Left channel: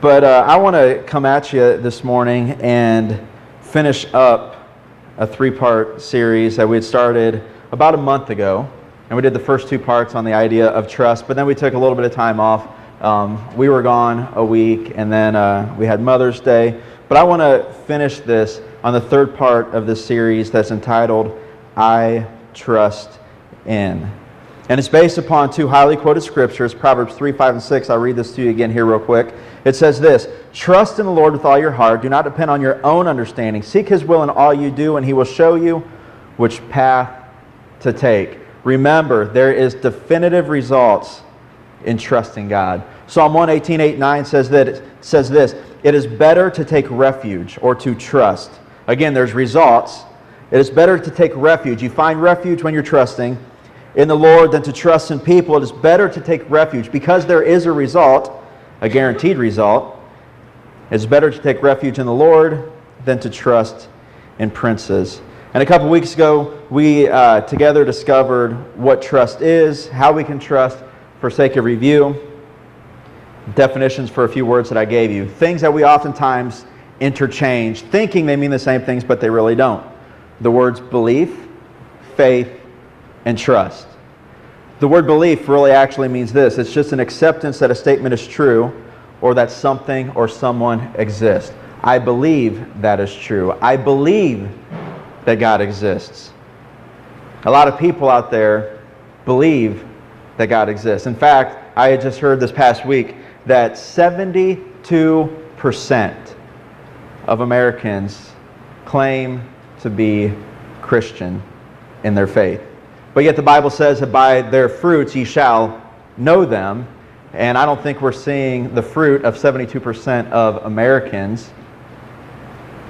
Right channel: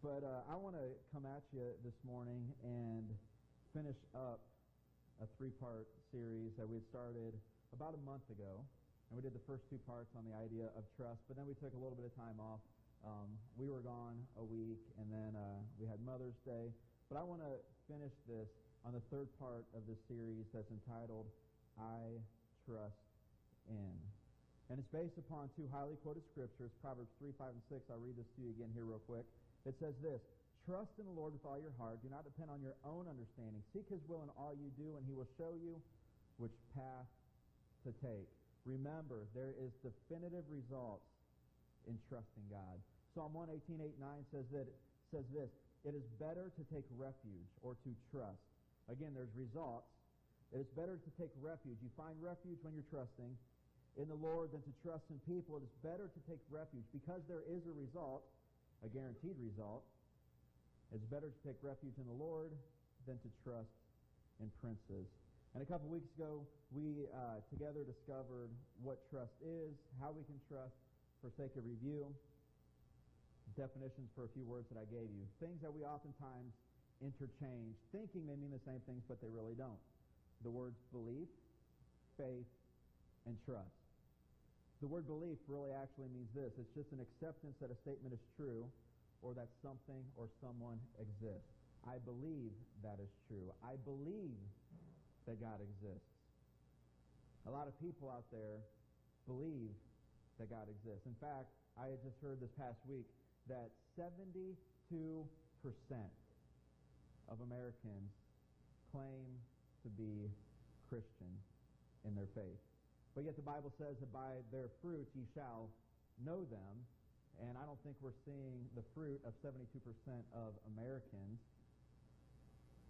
But I want to come at you this morning and finish up a three-part series that we had started about a month ago. And we did the first two parts on the idea of trust, but then we took a little bit of time off. We were gone a week, and then we had Mother's Day. But I want to finish this on the third part of this series that's entitled, I Trust In. And it's based upon two highly quoted scriptures, Proverbs 3, 5, and 6. I'll read this to you again here real quick. It says this, trust in the Lord with all your heart. Do not depend on your own understanding. Seek His will in all you do, and He will show you which path to take. Remember, there is definitive results in trusting God. Psalm 118, 8, 9 says this, it is better to take refuge or to trust. Again, there's results. It is better to take refuge. You find refuge when you're trusting in the Lord than to trust in people. It is better to take refuge because there is a result, a guaranteed result. It's better to take refuge in the Lord than to trust in princes. And a couple weeks ago, we together discovered what trust is, how we can trust. For sake of review, definitions for a few words that I gave you. Things that we oftentimes interchange, thinking they mean the same things, but they really don't. The words belief, faith, and trust. The word belief really actually means this. It's just an acceptance that a statement is true or that something or someone exists. I believe that is true. I believe that God exists. A lot of people out there believe that God exists. In fact, I had just heard this past week that 72% of Americans claim to be Christian in their faith. But yet the Bible says that by their fruits ye shall know them. And I don't think we're seeing the fruit of 72% of Americans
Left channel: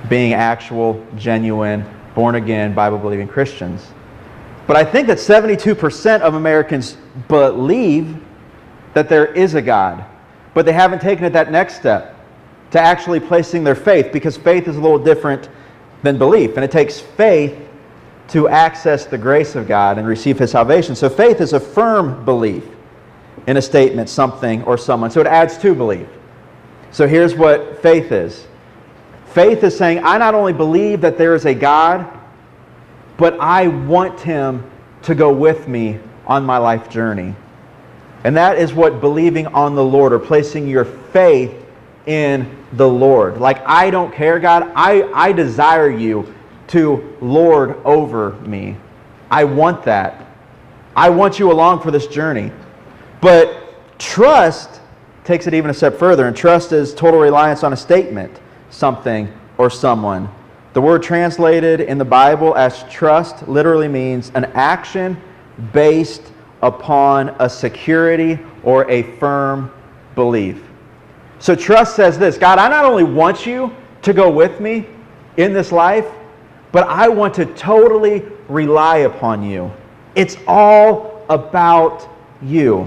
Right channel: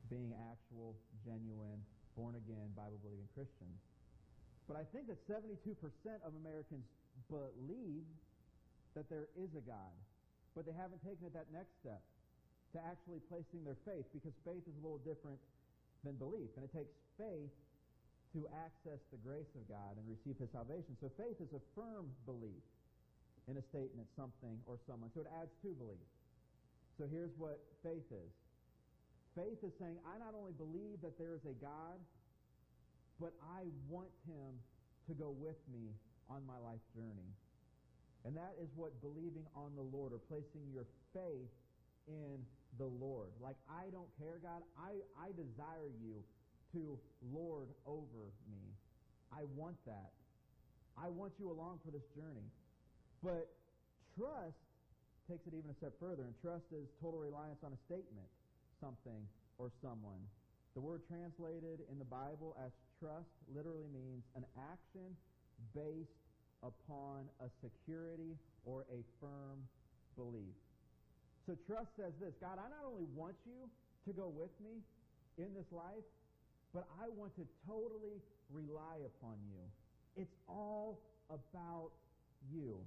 being actual, genuine, born-again, Bible-believing Christians. But I think that 72% of Americans believe that there is a God, but they haven't taken it that next step to actually placing their faith, because faith is a little different than belief, and it takes faith to access the grace of God and receive His salvation. So faith is a firm belief in a statement, something, or someone. So it adds to belief. So here's what faith is. Faith is saying, I not only believe that there is a God, but I want Him to go with me on my life journey. And that is what believing on the Lord, or placing your faith in the Lord. Like, I don't care, God. I desire you to lord over me. I want that. I want you along for this journey. But trust takes it even a step further. And trust is total reliance on a statement, something, or someone. The word translated in the Bible as trust literally means an action based upon a security or a firm belief. So trust says this, God, I not only want you to go with me in this life, but I want to totally rely upon you. It's all about you.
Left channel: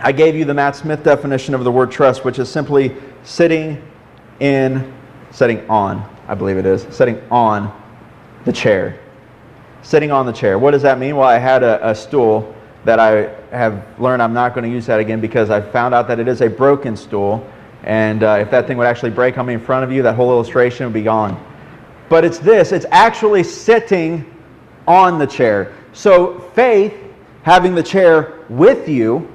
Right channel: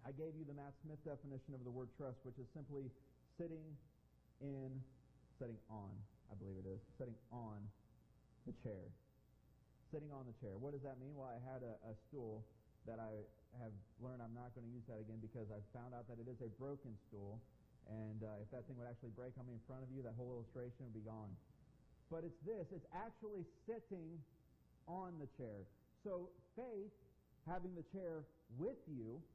I gave you the Matt Smith definition of the word trust, which is simply sitting on the chair. Sitting on the chair. What does that mean? Well, I had a stool that I have learned I'm not going to use that again because I found out that it is a broken stool. And if that thing would actually break on me in front of you, that whole illustration would be gone. But it's this. It's actually sitting on the chair. So faith, having the chair with you,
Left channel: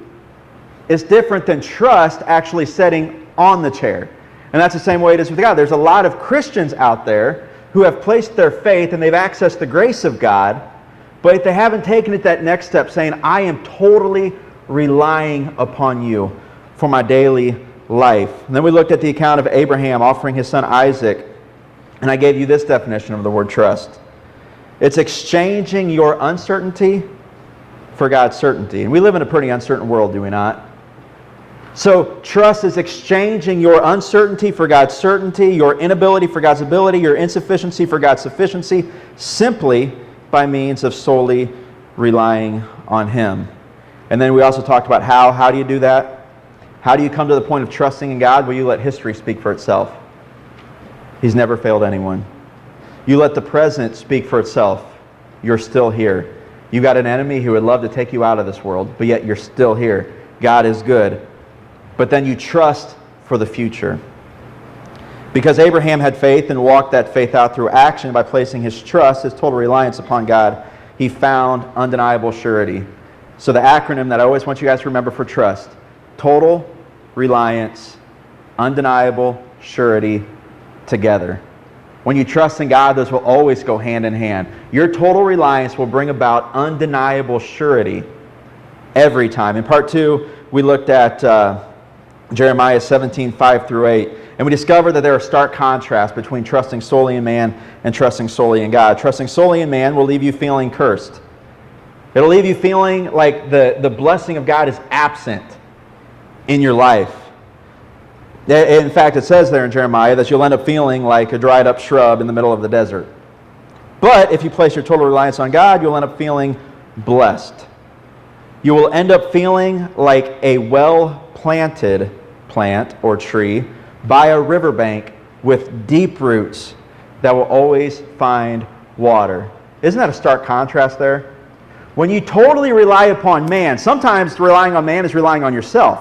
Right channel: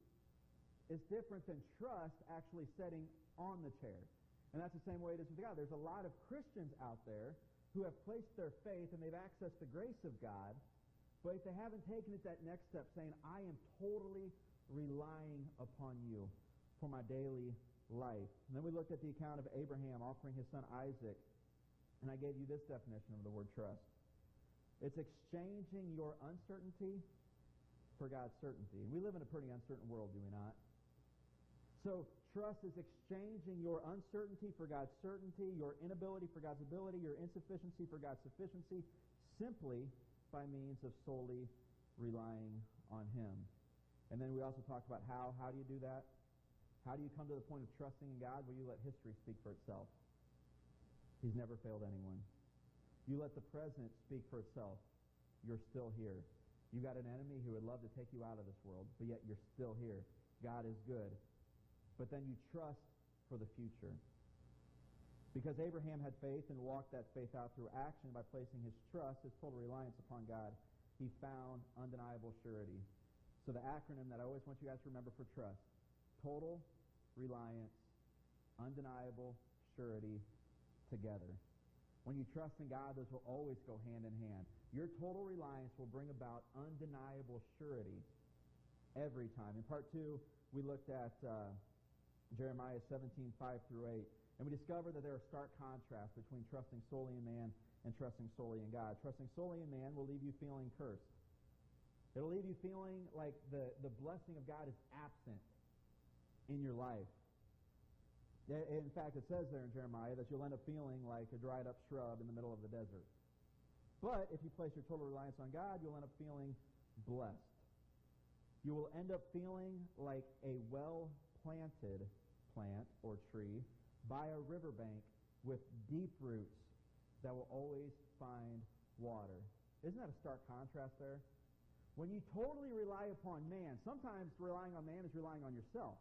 is different than trust actually sitting on the chair. And that's the same way it is with God. There's a lot of Christians out there who have placed their faith and they've accessed the grace of God, but they haven't taken it that next step, saying, I am totally relying upon you for my daily life. And then we looked at the account of Abraham offering his son Isaac, and I gave you this definition of the word trust. It's exchanging your uncertainty for God's certainty. And we live in a pretty uncertain world, do we not? So trust is exchanging your uncertainty for God's certainty, your inability for God's ability, your insufficiency for God's sufficiency, simply by means of solely relying on Him. And then we also talked about how do you do that? How do you come to the point of trusting in God? Well, you let history speak for itself. He's never failed anyone. You let the present speak for itself. You're still here. You've got an enemy who would love to take you out of this world, but yet you're still here. God is good. But then you trust for the future. Because Abraham had faith and walked that faith out through action by placing his trust, his total reliance upon God, he found undeniable surety. So the acronym that I always want you guys to remember for trust: total reliance, undeniable surety together. When you trust in God, those will always go hand in hand. Your total reliance will bring about undeniable surety every time. In part 2, we looked at Jeremiah 17:5-8, and we discovered that there are stark contrasts between trusting solely in man and trusting solely in God. Trusting solely in man will leave you feeling cursed. It'll leave you feeling like the blessing of God is absent in your life. In fact, it says there in Jeremiah that you'll end up feeling like a dried up shrub in the middle of the desert. But if you place your total reliance on God, you'll end up feeling blessed. You will end up feeling like a well-planted plant or tree by a riverbank with deep roots that will always find water. Isn't that a stark contrast there? When you totally rely upon man, sometimes relying on man is relying on yourself.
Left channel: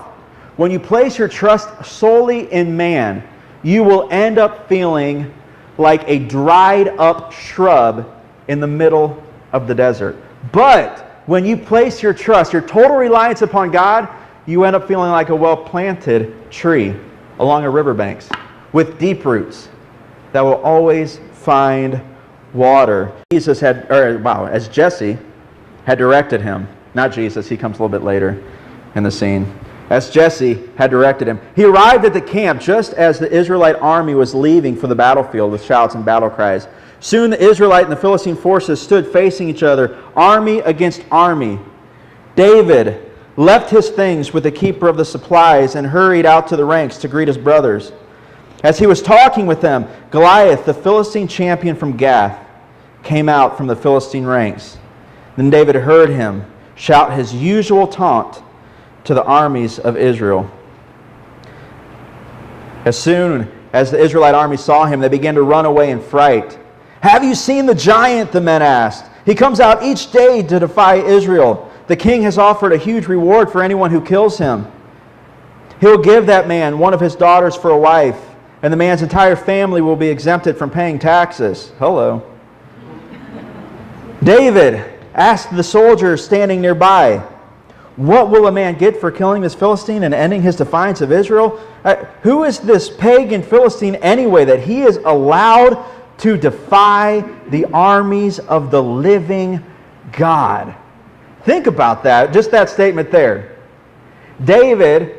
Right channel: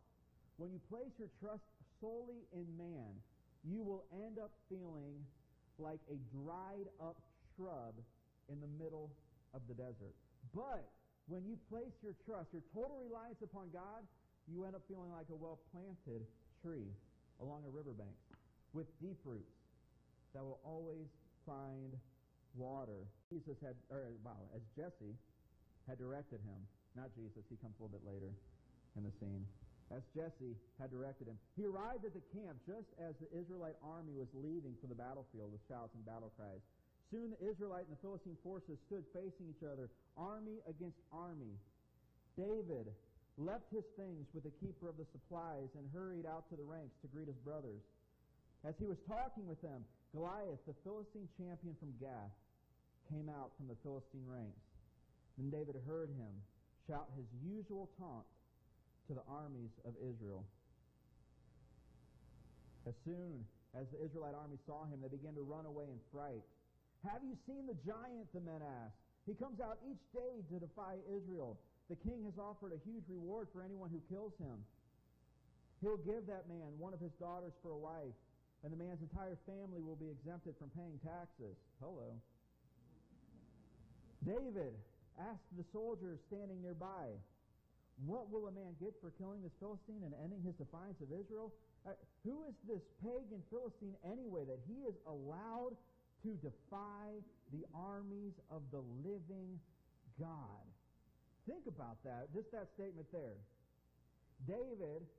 When you place your trust solely in man, you will end up feeling like a dried up shrub in the middle of the desert. But when you place your trust, your total reliance upon God, you end up feeling like a well-planted tree along a riverbanks with deep roots that will always find water. As Jesse had directed him, not Jesus, he comes a little bit later in the scene. As Jesse had directed him, he arrived at the camp just as the Israelite army was leaving for the battlefield with shouts and battle cries. Soon the Israelite and the Philistine forces stood facing each other, army against army. David left his things with the keeper of the supplies and hurried out to the ranks to greet his brothers. As he was talking with them, Goliath, the Philistine champion from Gath, came out from the Philistine ranks. Then David heard him shout his usual taunt to the armies of Israel. As soon as the Israelite army saw him, they began to run away in fright. "Have you seen the giant?" the men asked. "He comes out each day to defy Israel. The king has offered a huge reward for anyone who kills him. He'll give that man one of his daughters for a wife, and the man's entire family will be exempted from paying taxes." Hello. David asked the soldiers standing nearby, "What will a man get for killing this Philistine and ending his defiance of Israel? Who is this pagan Philistine anyway that he is allowed to defy the armies of the living God?" Think about that, just that statement there. David,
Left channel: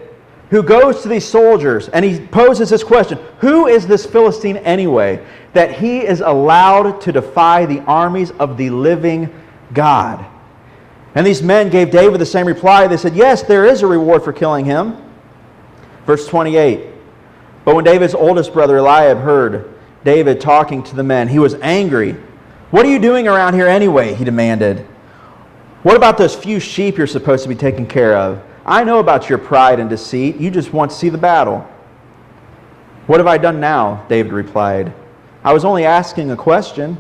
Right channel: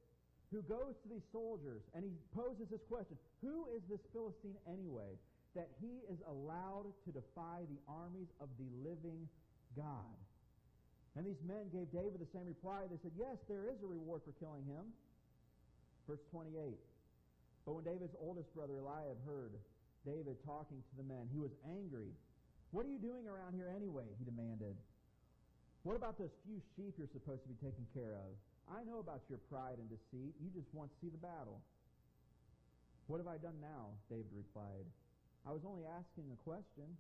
who goes to these soldiers and he poses this question, who is this Philistine anyway that he is allowed to defy the armies of the living God? And these men gave David the same reply. They said, "Yes, there is a reward for killing him." Verse 28. But when David's oldest brother Eliab heard David talking to the men, he was angry. "What are you doing around here anyway?" he demanded. "What about those few sheep you're supposed to be taking care of? I know about your pride and deceit. You just want to see the battle." "What have I done now?" David replied. "I was only asking a question."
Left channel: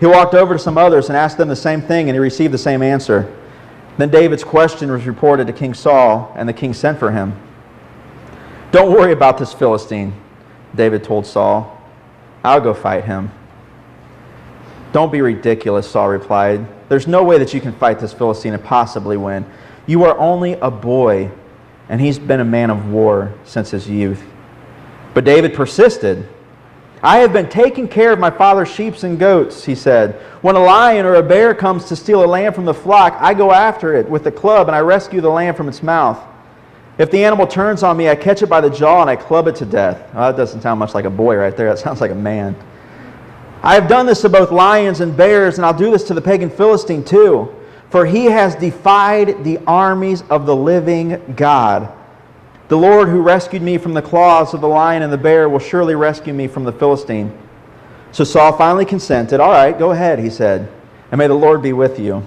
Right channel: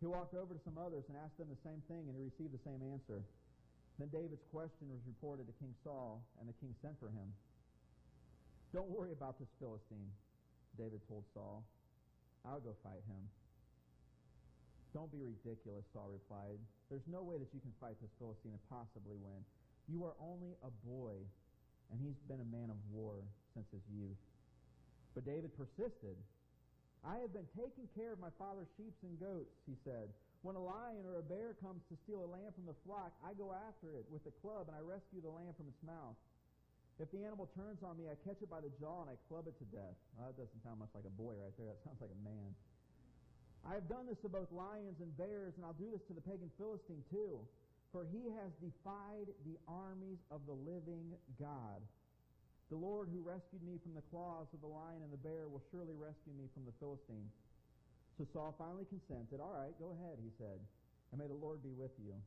He walked over to some others and asked them the same thing, and he received the same answer. Then David's question was reported to King Saul, and the king sent for him. "Don't worry about this Philistine," David told Saul. "I'll go fight him." "Don't be ridiculous," Saul replied. "There's no way that you can fight this Philistine and possibly win. You are only a boy, and he's been a man of war since his youth." But David persisted. "I have been taking care of my father's sheep and goats," he said. "When a lion or a bear comes to steal a lamb from the flock, I go after it with a club and I rescue the lamb from its mouth. If the animal turns on me, I catch it by the jaw and I club it to death." Oh, that doesn't sound much like a boy right there. That sounds like a man. "I have done this to both lions and bears, and I'll do this to the pagan Philistine too, for he has defied the armies of the living God. The Lord who rescued me from the claws of the lion and the bear will surely rescue me from the Philistine." So Saul finally consented. "All right, go ahead," he said, "and may the Lord be with you."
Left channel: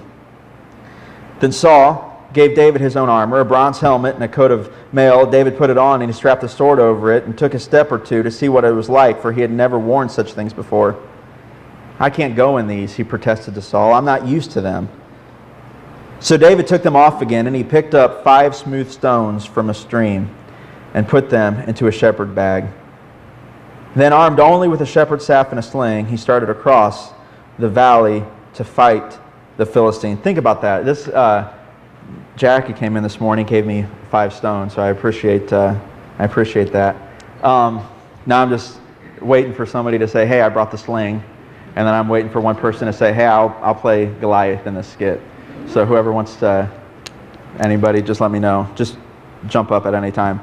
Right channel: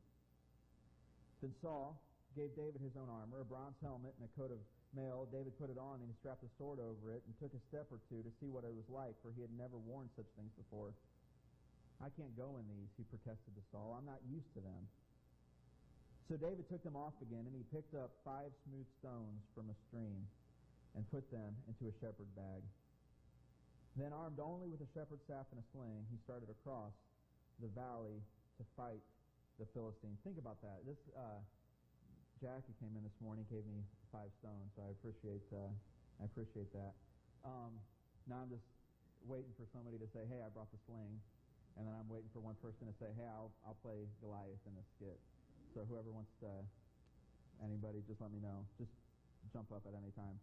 Then Saul gave David his own armor, a bronze helmet and a coat of mail. David put it on and he strapped a sword over it and took a step or two to see what it was like, for he had never worn such things before. "I can't go in these," he protested to Saul. "I'm not used to them." So David took them off again, and he picked up 5 smooth stones from a stream. and put them into a shepherd bag. Then, armed only with a shepherd's staff and a sling, he started across the valley to fight the Philistine. Think about that. This Jackie came in this morning, gave me 5 stones, so I appreciate that. Now I'm just waiting for somebody to say, "Hey, I brought the sling," and then I'm waiting for one person to say, "Hey, I'll play Goliath in this skit." So whoever wants to, anybody, just let me know. Just jump up at any time.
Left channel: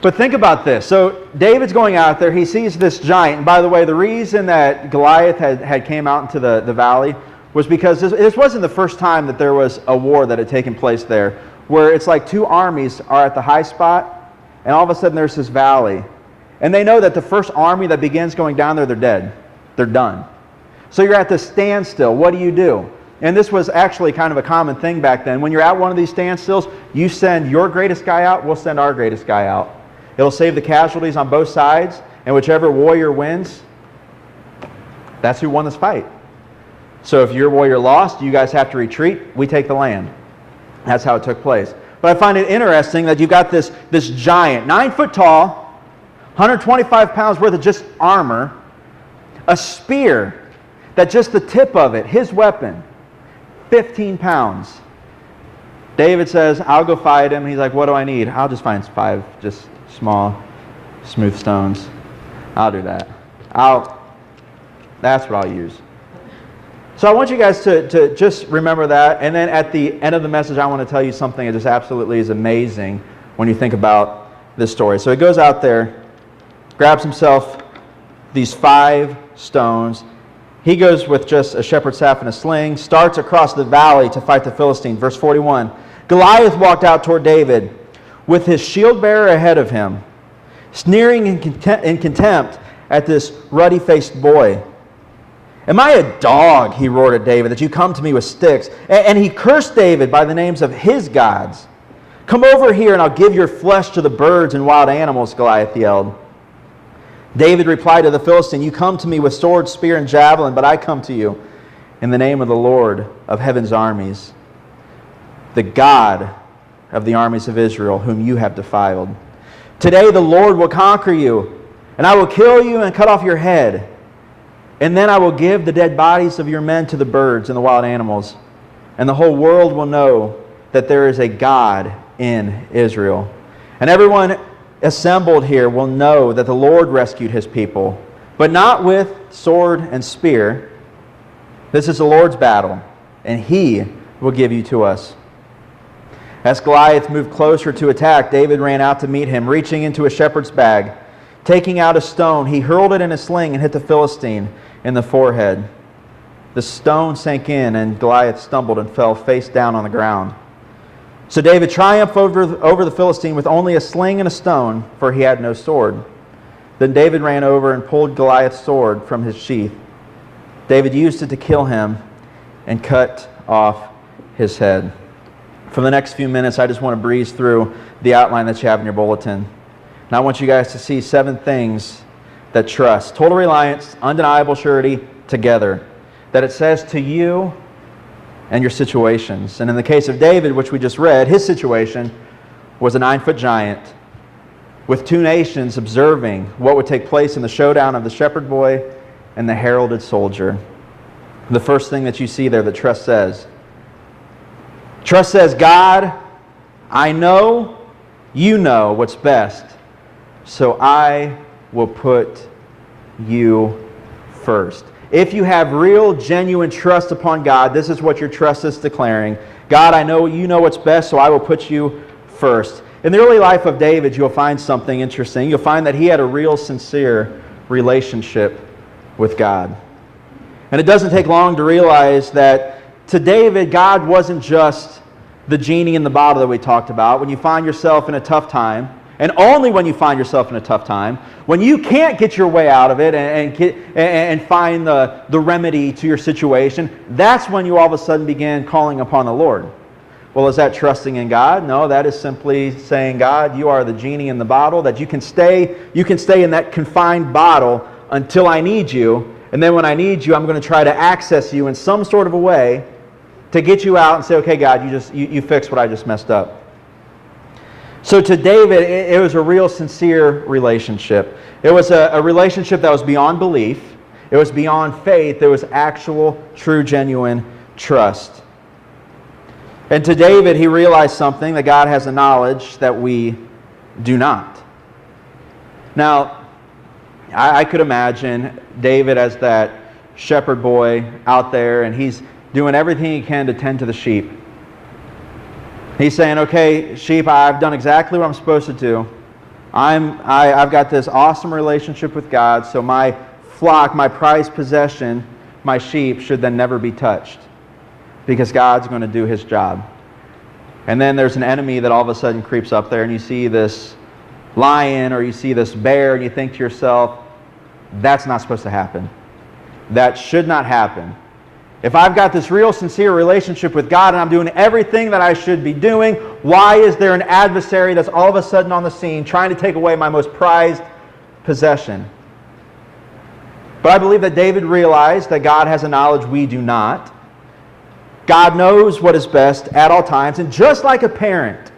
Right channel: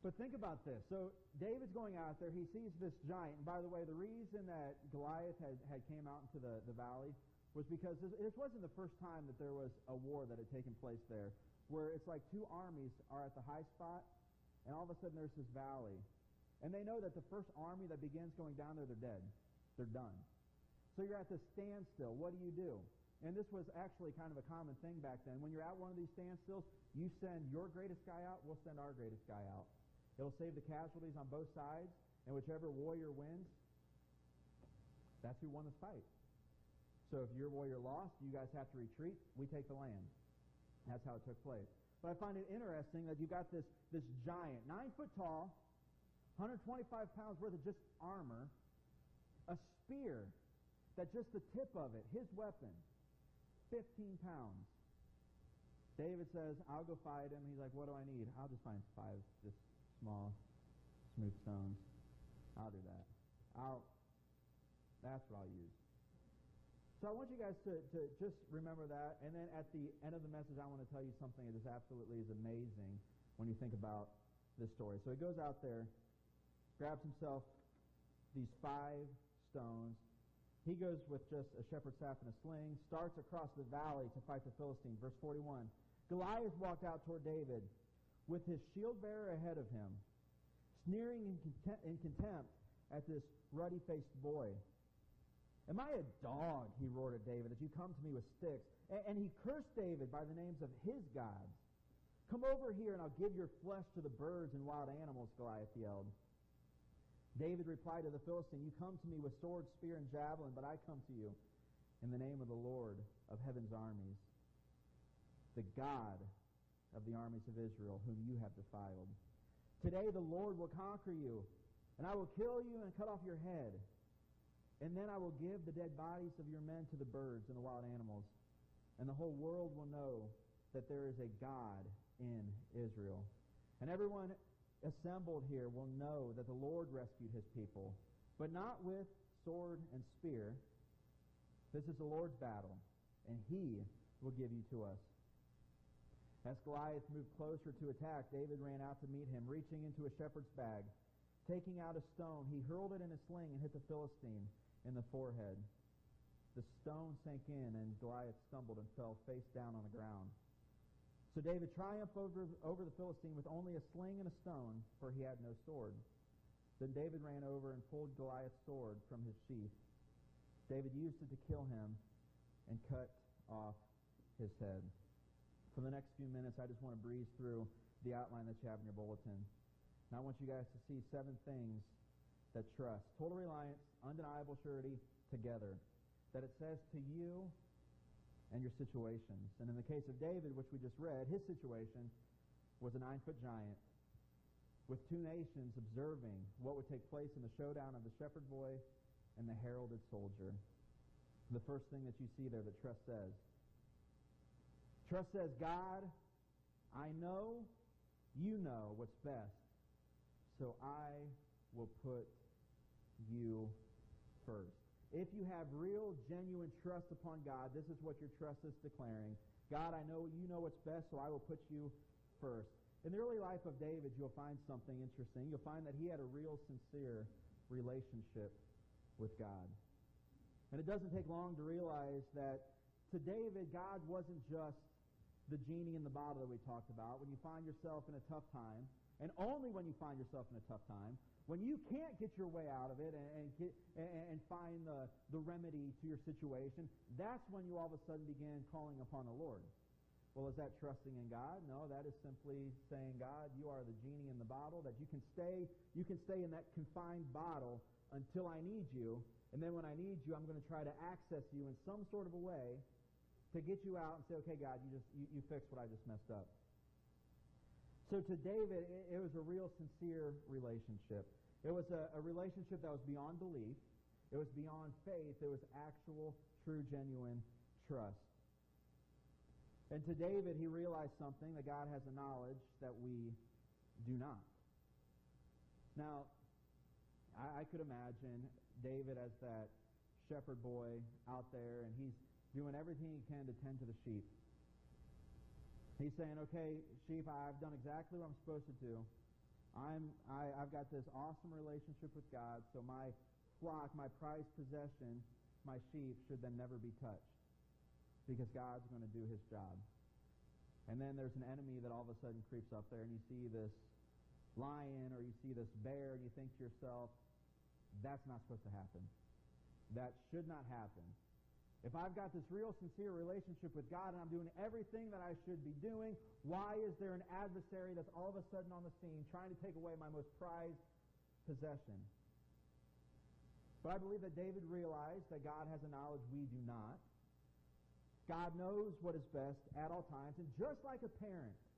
But think about this. So David's going out there. He sees this giant. And by the way, the reason that Goliath had came out into the valley was because this wasn't the first time that there was a war that had taken place there, where it's like 2 armies are at the high spot, and all of a sudden there's this valley. And they know that the first army that begins going down there, they're dead. They're done. So you're at this standstill. What do? And this was actually kind of a common thing back then. When you're at one of these standstills, you send your greatest guy out, we'll send our greatest guy out. It'll save the casualties on both sides, and whichever warrior wins, that's who won this fight. So if your warrior lost, you guys have to retreat, we take the land. That's how it took place. But I find it interesting that you've got this giant, 9 foot tall, 125 pounds worth of just armor, a spear that just the tip of it, his weapon, 15 pounds. David says, "I'll go fight him." He's like, "What do I need?" "I'll just find 5 just small, smooth stones. I'll do that. That's what I'll use." So I want you guys to just remember that. And then at the end of the message, I want to tell you something that just absolutely is amazing when you think about this story. So he goes out there, grabs himself these 5 stones. He goes with just a shepherd's staff and a sling, starts across the valley to fight the Philistine. Verse 41, Goliath walked out toward David with his shield bearer ahead of him, sneering in contempt at this ruddy-faced boy. "Am I a dog," he roared at David, "that you come to me with sticks?" And he cursed David by the names of his gods. "Come over here and I'll give your flesh to the birds and wild animals," Goliath yelled. David replied to the Philistine, "You come to me with sword, spear, and javelin, but I come to you in the name of the Lord of heaven's armies, the God of the armies of Israel, whom you have defiled. Today the Lord will conquer you, and I will kill you and cut off your head. And then I will give the dead bodies of your men to the birds and the wild animals, and the whole world will know that there is a God in Israel. And everyone assembled here will know that the Lord rescued his people, but not with sword and spear. This is the Lord's battle, and he will give you to us." As Goliath moved closer to attack, David ran out to meet him, reaching into a shepherd's bag. Taking out a stone, he hurled it in a sling and hit the Philistine in the forehead. The stone sank in, and Goliath stumbled and fell face down on the ground. So David triumphed over the Philistine with only a sling and a stone, for he had no sword. Then David ran over and pulled Goliath's sword from his sheath. David used it to kill him and cut off his head. For the next few minutes, I just want to breeze through the outline that you have in your bulletin. And I want you guys to see 7 things that trust, total reliance, undeniable surety, together, that it says to you and your situations. And in the case of David, which we just read, his situation was a 9-foot giant with 2 nations observing what would take place in the showdown of the shepherd boy and the heralded soldier. The first thing that you see there that trust says, "God, I know you know what's best, so I will put you first." If you have real, genuine trust upon God, this is what your trust is declaring. "God, I know you know what's best, so I will put you first." In the early life of David, you'll find something interesting. You'll find that he had a real, sincere relationship with God. And it doesn't take long to realize that to David, God wasn't just the genie in the bottle that we talked about. When you find yourself in a tough time, and only when you find yourself in a tough time, when you can't get your way out of it and find the remedy to your situation, that's when you all of a sudden begin calling upon the Lord. Well, is that trusting in God? No, that is simply saying, "God, you are the genie in the bottle, that you can stay in that confined bottle until I need you, and then when I need you, I'm going to try to access you in some sort of a way to get you out and say, okay, God, you fix what I just messed up." So to David, it was a real sincere relationship. It was a relationship that was beyond belief. It was beyond faith. There was actual, true, genuine trust. And to David, he realized something, that God has a knowledge that we do not. Now, I could imagine David as that shepherd boy out there, and he's doing everything he can to tend to the sheep. He's saying, okay, sheep, I've done exactly what I'm supposed to do. I've got this awesome relationship with God, so my flock, my prized possession, my sheep, should then never be touched, because God's going to do His job. And then there's an enemy that all of a sudden creeps up there, and you see this lion or you see this bear, and you think to yourself, that's not supposed to happen. That should not happen. If I've got this real sincere relationship with God and I'm doing everything that I should be doing, why is there an adversary that's all of a sudden on the scene trying to take away my most prized possession? But I believe that David realized that God has a knowledge we do not. God knows what is best at all times, and just like a parent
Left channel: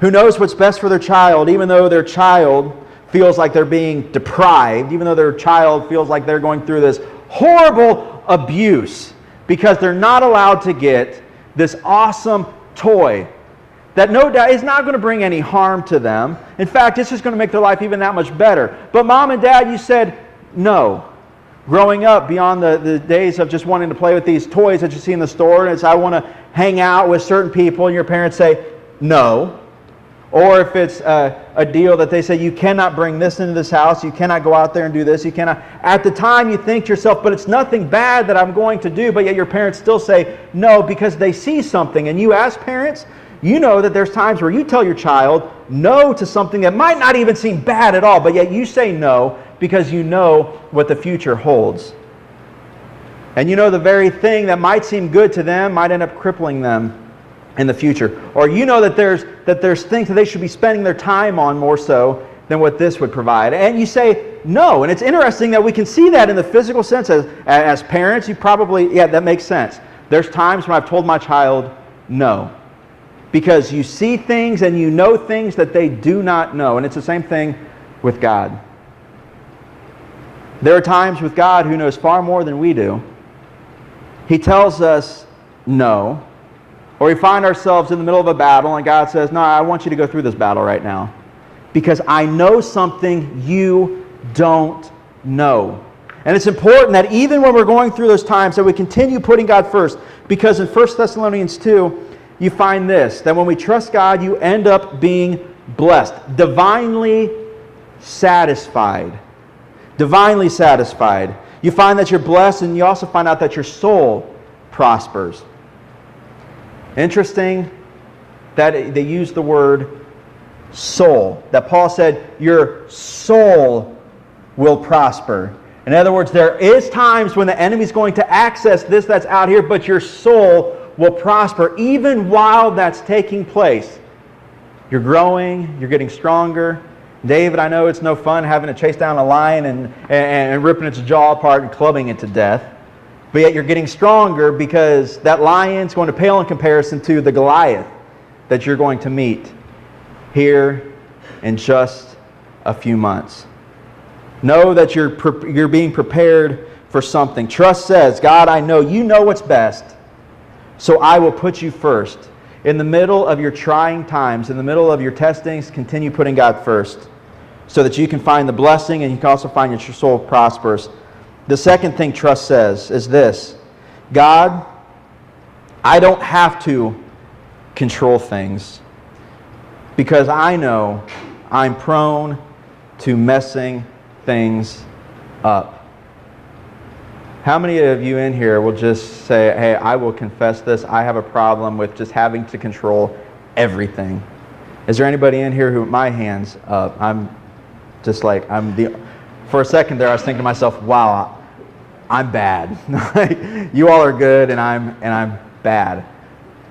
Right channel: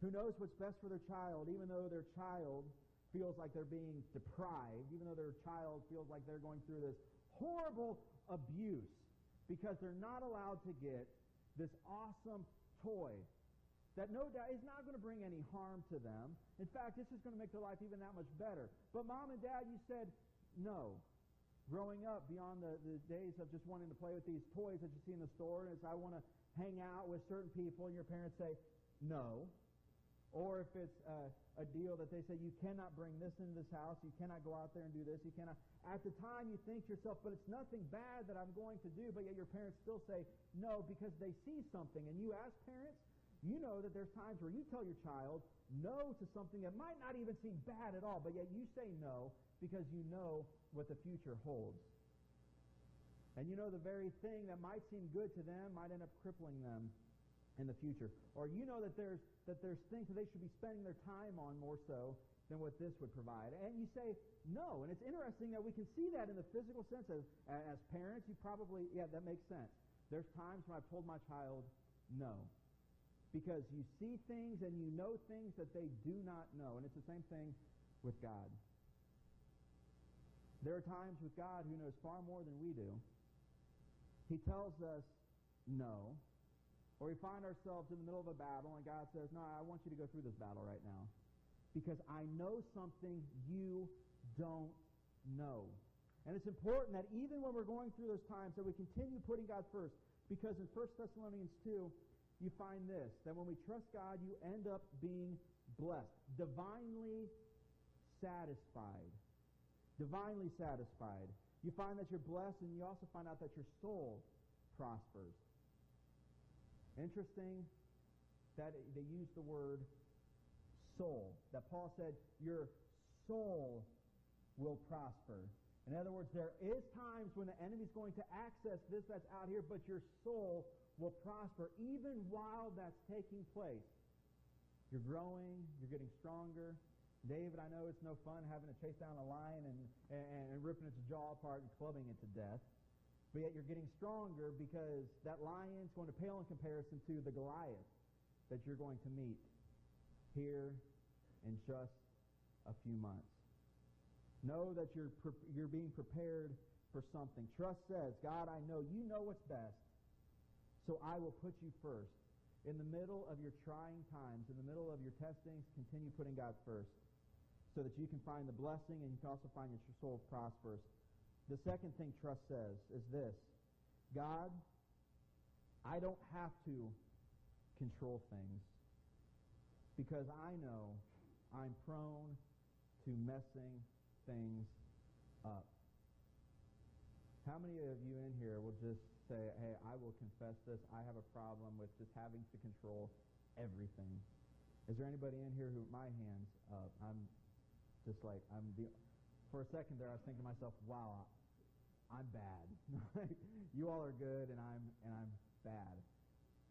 who knows what's best for their child, even though their child feels like they're being deprived, even though their child feels like they're going through this horrible abuse because they're not allowed to get this awesome toy that no doubt is not going to bring any harm to them. In fact, it's just going to make their life even that much better. But mom and dad, you said no. Growing up, beyond the days of just wanting to play with these toys that you see in the store, and it's I want to hang out with certain people, and your parents say no. Or if it's a deal that they say, you cannot bring this into this house, you cannot go out there and do this, you cannot. At the time you think to yourself, but it's nothing bad that I'm going to do, but yet your parents still say no because they see something. And you as parents, you know that there's times where you tell your child no to something that might not even seem bad at all, but yet you say no because you know what the future holds. And you know the very thing that might seem good to them might end up crippling them in the future. Or you know that there's things that they should be spending their time on more so than what this would provide. And you say no. And it's interesting that we can see that in the physical sense. As parents, you probably, yeah, that makes sense. There's times when I've told my child no. Because you see things and you know things that they do not know. And it's the same thing with God. There are times with God who knows far more than we do. He tells us no. Or we find ourselves in the middle of a battle and God says, no, I want you to go through this battle right now because I know something you don't know. And it's important that even when we're going through those times that we continue putting God first, because in 1 Thessalonians 2, you find this, that when we trust God, you end up being blessed, divinely satisfied. Divinely satisfied. You find that you're blessed, and you also find out that your soul prospers. Interesting that they use the word soul. That Paul said, your soul will prosper. In other words, there is times when the enemy's going to access this that's out here, but your soul will prosper even while that's taking place. You're growing, you're getting stronger. David, I know it's no fun having to chase down a lion and ripping its jaw apart and clubbing it to death. But yet you're getting stronger because that lion's going to pale in comparison to the Goliath that you're going to meet here in just a few months. Know that you're being prepared for something. Trust says, God, I know you know what's best, so I will put you first. In the middle of your trying times, in the middle of your testings, continue putting God first so that you can find the blessing and you can also find that your soul prospers. The second thing trust says is this: God, I don't have to control things because I know I'm prone to messing things up. How many of you in here will just say, hey, I will confess this, I have a problem with just having to control everything? Is there anybody in here who, my hand's up? I'm just like, for a second there I was thinking to myself, wow, I'm bad. You all are good and I'm bad.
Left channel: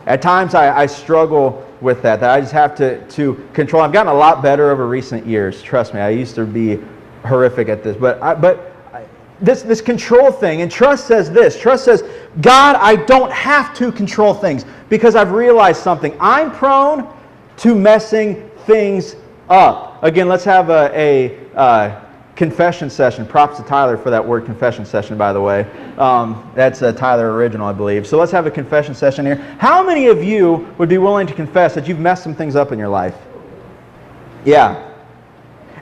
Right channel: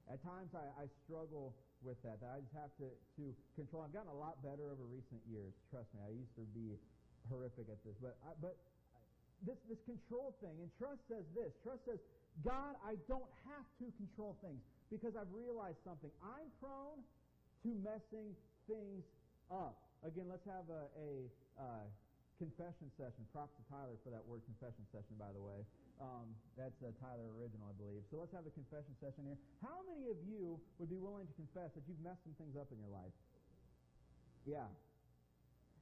At times I struggle with that I just have to control. I've gotten a lot better over recent years. Trust me, I used to be horrific at this. But this control thing, and trust says this. Trust says, God, I don't have to control things because I've realized something. I'm prone to messing things up. Again, let's have a confession session. Props to Tyler for that word confession session, by the way. That's a Tyler original, I believe. So let's have a confession session here. How many of you would be willing to confess that you've messed some things up in your life? Yeah.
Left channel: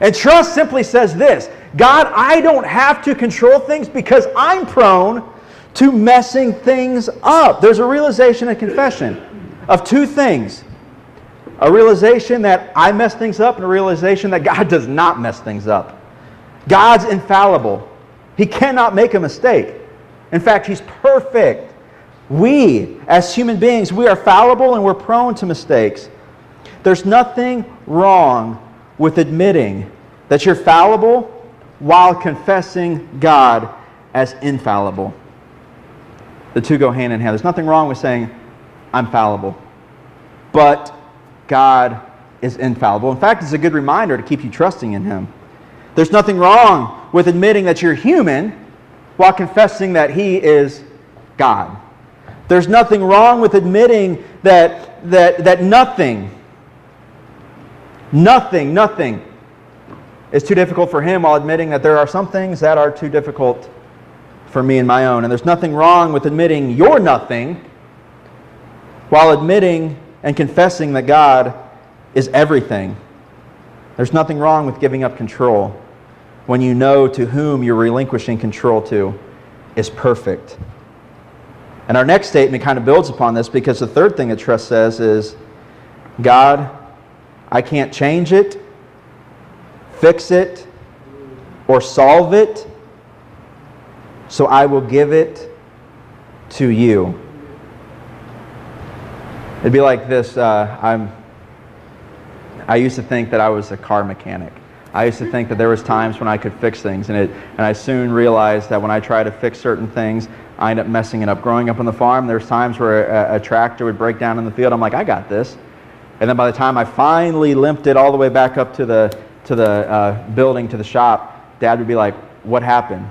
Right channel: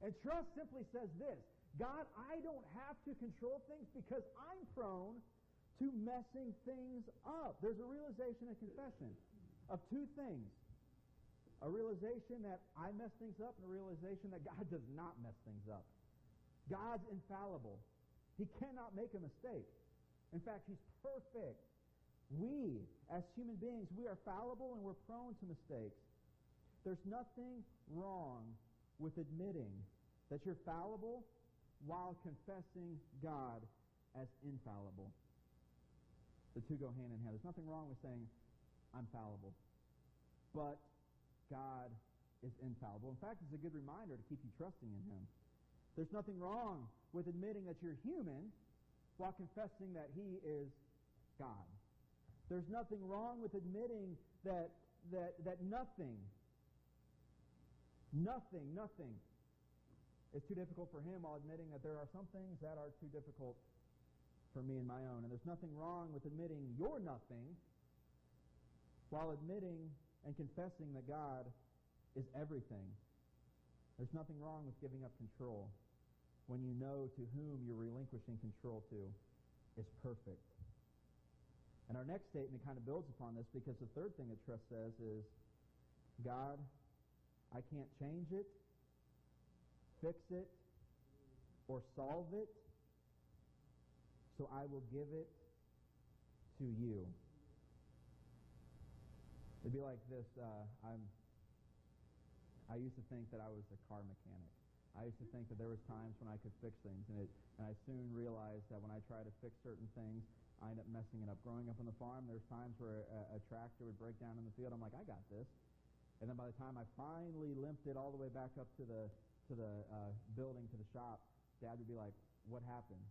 And trust simply says this: God, I don't have to control things because I'm prone to messing things up. There's a realization and confession of two things. A realization that I mess things up and a realization that God does not mess things up. God's infallible. He cannot make a mistake. In fact, He's perfect. We, as human beings, we are fallible and we're prone to mistakes. There's nothing wrong with admitting that you're fallible while confessing God as infallible. The two go hand in hand. There's nothing wrong with saying, I'm fallible, but God is infallible. In fact, it's a good reminder to keep you trusting in Him. There's nothing wrong with admitting that you're human while confessing that He is God. There's nothing wrong with admitting that nothing is too difficult for Him while admitting that there are some things that are too difficult for me and my own. And there's nothing wrong with admitting you're nothing while admitting and confessing that God is everything. There's nothing wrong with giving up control when you know to whom you're relinquishing control to is perfect. And our next statement kind of builds upon this, because the third thing that trust says is, God, I can't change it, fix it, or solve it, so I will give it to you. It'd be like this. I used to think that I was a car mechanic. I used to think that there was times when I could fix things, and I soon realized that when I try to fix certain things, I end up messing it up. Growing up on the farm, there's times where a tractor would break down in the field. I'm like, I got this. And then by the time I finally limped it all the way back up to the building, to the shop, Dad would be like, what happened?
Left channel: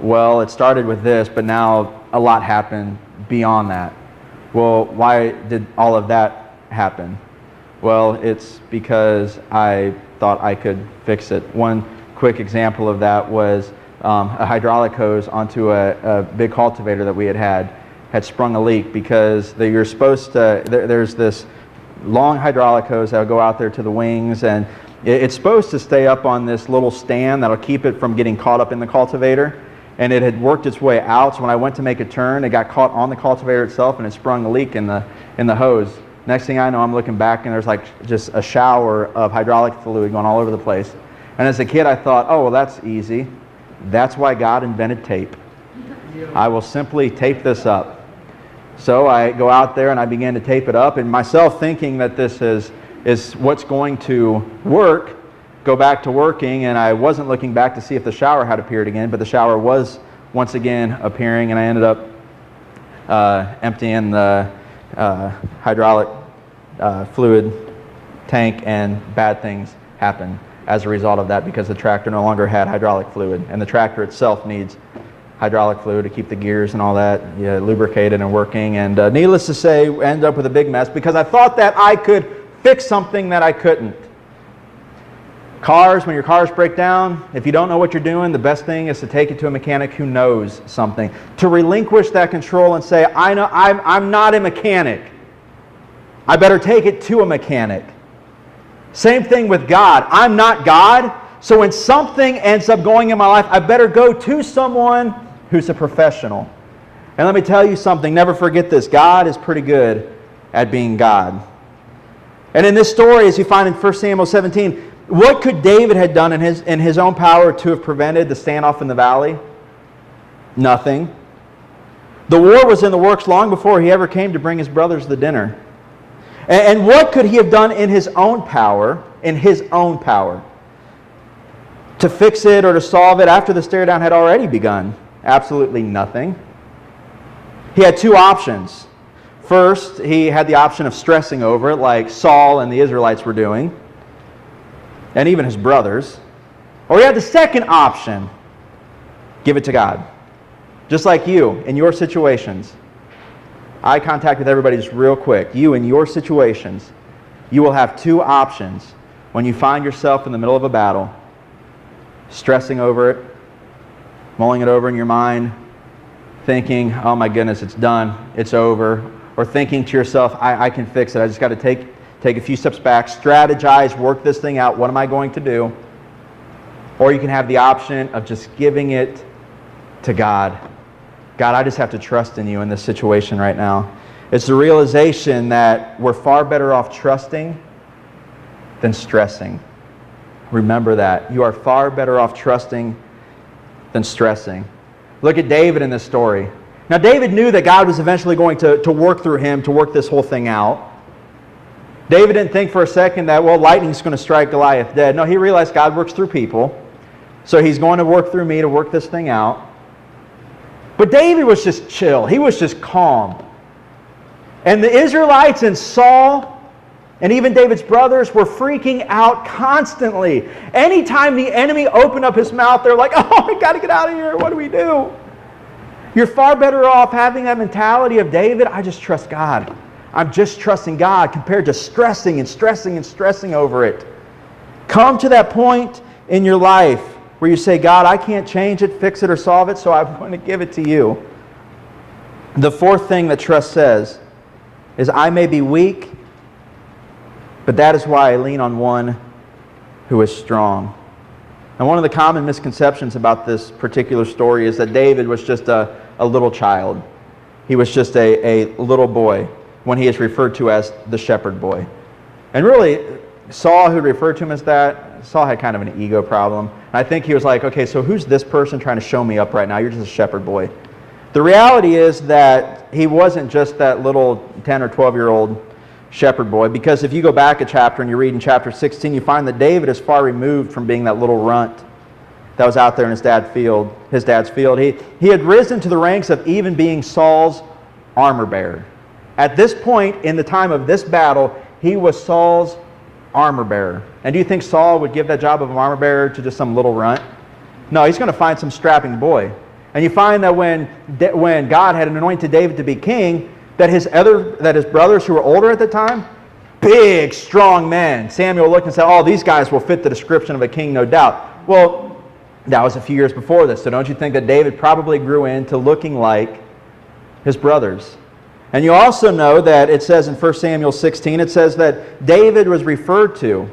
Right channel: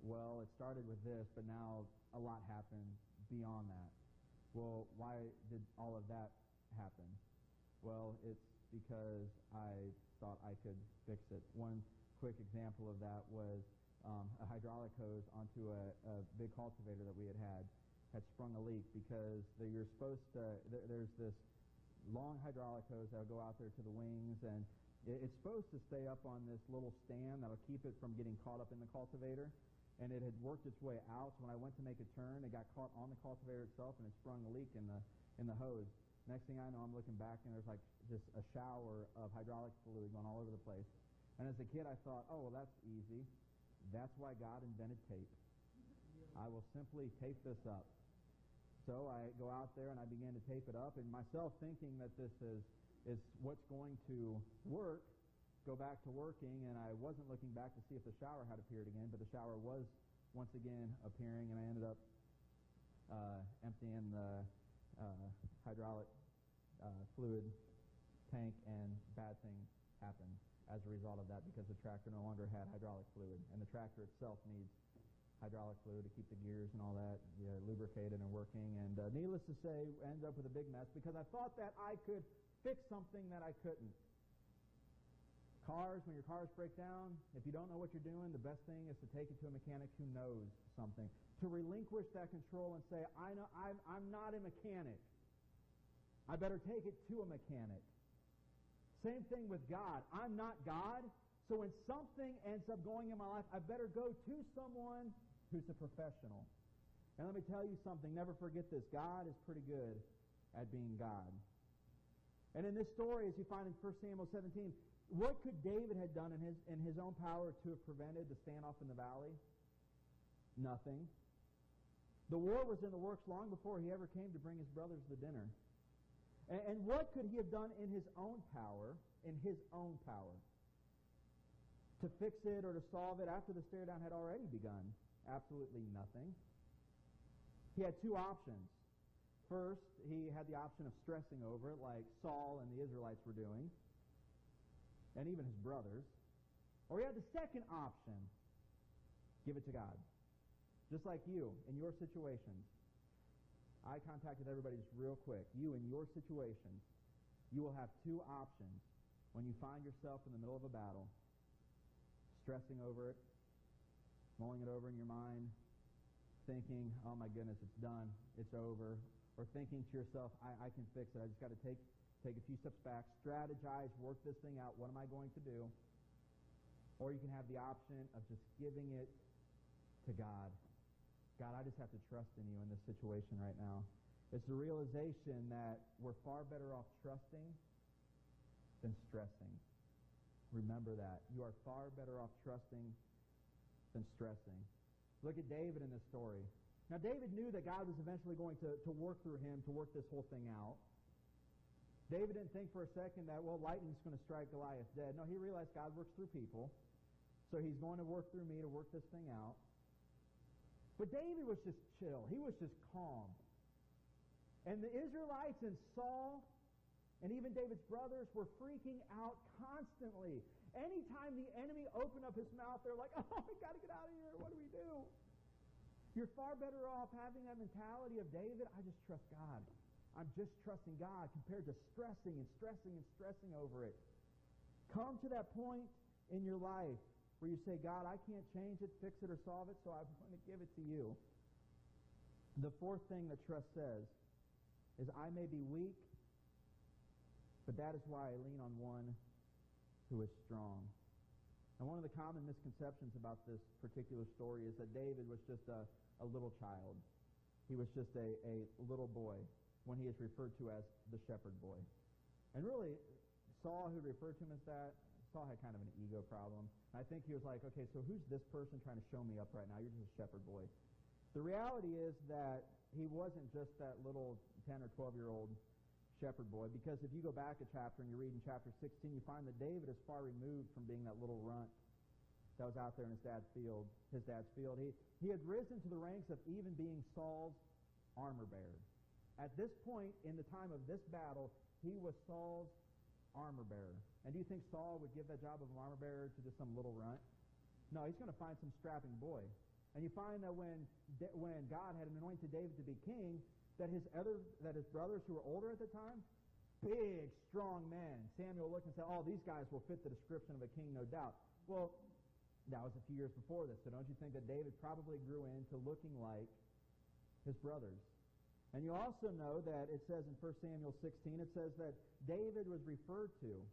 Well, it started with this, but now a lot happened beyond that. Well, why did all of that happen? Well, it's because I thought I could fix it. One quick example of that was a hydraulic hose onto a big cultivator that we had sprung a leak, because you're supposed to, there's this long hydraulic hose that will go out there to the wings, and it's supposed to stay up on this little stand that'll keep it from getting caught up in the cultivator. And it had worked its way out, so when I went to make a turn, it got caught on the cultivator itself, and it sprung a leak in the hose. Next thing I know, I'm looking back, and there's like just a shower of hydraulic fluid going all over the place. And as a kid, I thought, oh, well, that's easy. That's why God invented tape. I will simply tape this up. So I go out there and I began to tape it up, and myself thinking that this is what's going to work, go back to working, and I wasn't looking back to see if the shower had appeared again, but the shower was once again appearing, and I ended up emptying the hydraulic fluid tank, and bad things happened as a result of that, because the tractor no longer had hydraulic fluid, and the tractor itself needs hydraulic fluid to keep the gears and all that lubricated and working. And needless to say, ended up with a big mess because I thought that I could fix something that I couldn't. Cars, when your cars break down, if you don't know what you're doing, the best thing is to take it to a mechanic who knows something. To relinquish that control and say, I know I'm not a mechanic. I better take it to a mechanic. Same thing with God. I'm not God, so when something ends up going in my life, I better go to someone who's a professional. And let me tell you something, never forget this. God is pretty good at being God. And in this story, as you find in 1 Samuel 17, what could David have done in his own power to have prevented the standoff in the valley? Nothing. The war was in the works long before he ever came to bring his brothers the dinner. And what could he have done in his own power, to fix it or to solve it after the stare down had already begun? Absolutely nothing. He had two options. First, he had the option of stressing over it like Saul and the Israelites were doing, and even his brothers. Or he had the second option, give it to God. Just like you, in your situations. Eye contact with everybody just real quick. You, in your situations, You will have two options when you find yourself in the middle of a battle, stressing over it, mulling it over in your mind, thinking, oh my goodness, it's done, it's over, or thinking to yourself, I can fix it. I just got to take a few steps back, strategize, work this thing out. What am I going to do? Or you can have the option of just giving it to God. God, I just have to trust in you in this situation right now. It's the realization that we're far better off trusting than stressing. Remember that. You are far better off trusting than stressing. Look at David in this story. Now, David knew that God was eventually going to work through him to work this whole thing out. David didn't think for a second that, well, lightning's going to strike Goliath dead. No, he realized God works through people. So he's going to work through me to work this thing out. But David was just chill. He was just calm. And the Israelites and Saul and even David's brothers were freaking out constantly. Anytime the enemy opened up his mouth, they're like, oh, we got to get out of here. What do we do? You're far better off having that mentality of David. I just trust God. I'm just trusting God compared to stressing and stressing and stressing over it. Come to that point in your life where you say, God, I can't change it, fix it, or solve it, so I'm going to give it to you. The fourth thing that trust says is, I may be weak, but that is why I lean on one who is strong. And one of the common misconceptions about this particular story is that David was just a little child. He was just a little boy when he is referred to as the shepherd boy. And really, Saul, who referred to him as that, Saul had kind of an ego problem. And I think he was like, okay, so who's this person trying to show me up right now? You're just a shepherd boy. The reality is that he wasn't just that little 10 or 12-year-old shepherd boy, because if you go back a chapter and you read in chapter 16, you find that David is far removed from being that little runt that was out there in his dad's field. He had risen to the ranks of even being Saul's armor bearer. At this point in the time of this battle, he was Saul's armor bearer. And do you think Saul would give that job of an armor bearer to just some little runt? No, he's going to find some strapping boy. And you find that when God had anointed David to be king, that his brothers who were older at the time, big, strong men. Samuel looked and said, oh, these guys will fit the description of a king, no doubt. Well, that was a few years before this, so don't you think that David probably grew into looking like his brothers? And you also know that it says in 1 Samuel 16, it says that David was referred to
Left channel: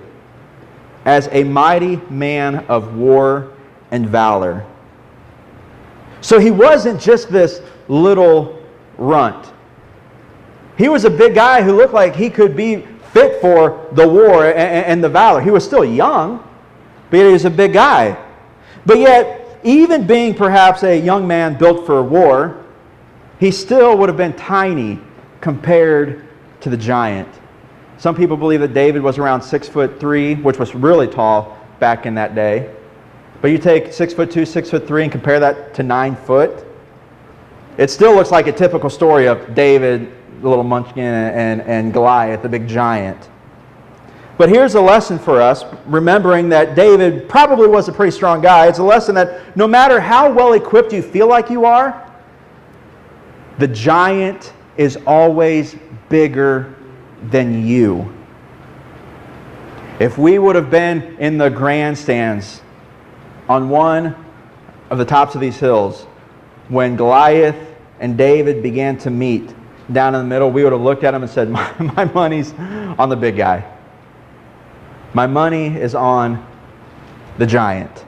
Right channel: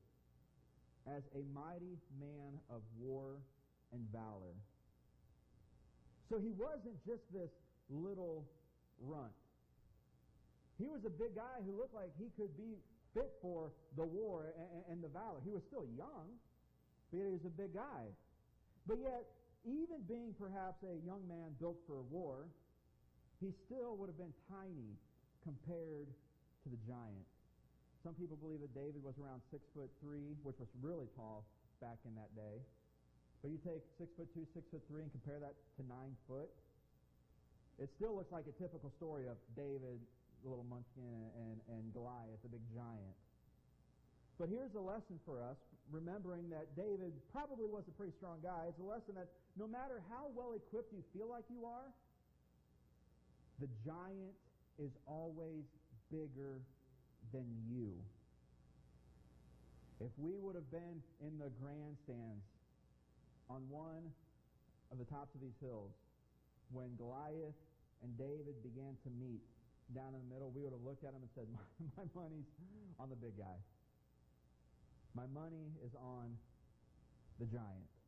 as a mighty man of war and valor. So he wasn't just this little runt. He was a big guy who looked like he could be fit for the war and the valor. He was still young, but he was a big guy. But yet, even being perhaps a young man built for war, he still would have been tiny compared to the giant. Some people believe that David was around 6'3", which was really tall back in that day. But you take 6'2", 6'3", and compare that to 9 foot, it still looks like a typical story of David, the little munchkin, and Goliath, the big giant. But here's a lesson for us, remembering that David probably was a pretty strong guy. It's a lesson that no matter how well equipped you feel like you are, the giant is always bigger than you. If we would have been in the grandstands on one of the tops of these hills when Goliath and David began to meet down in the middle, we would have looked at him and said, my money's on the big guy. My money is on the giant.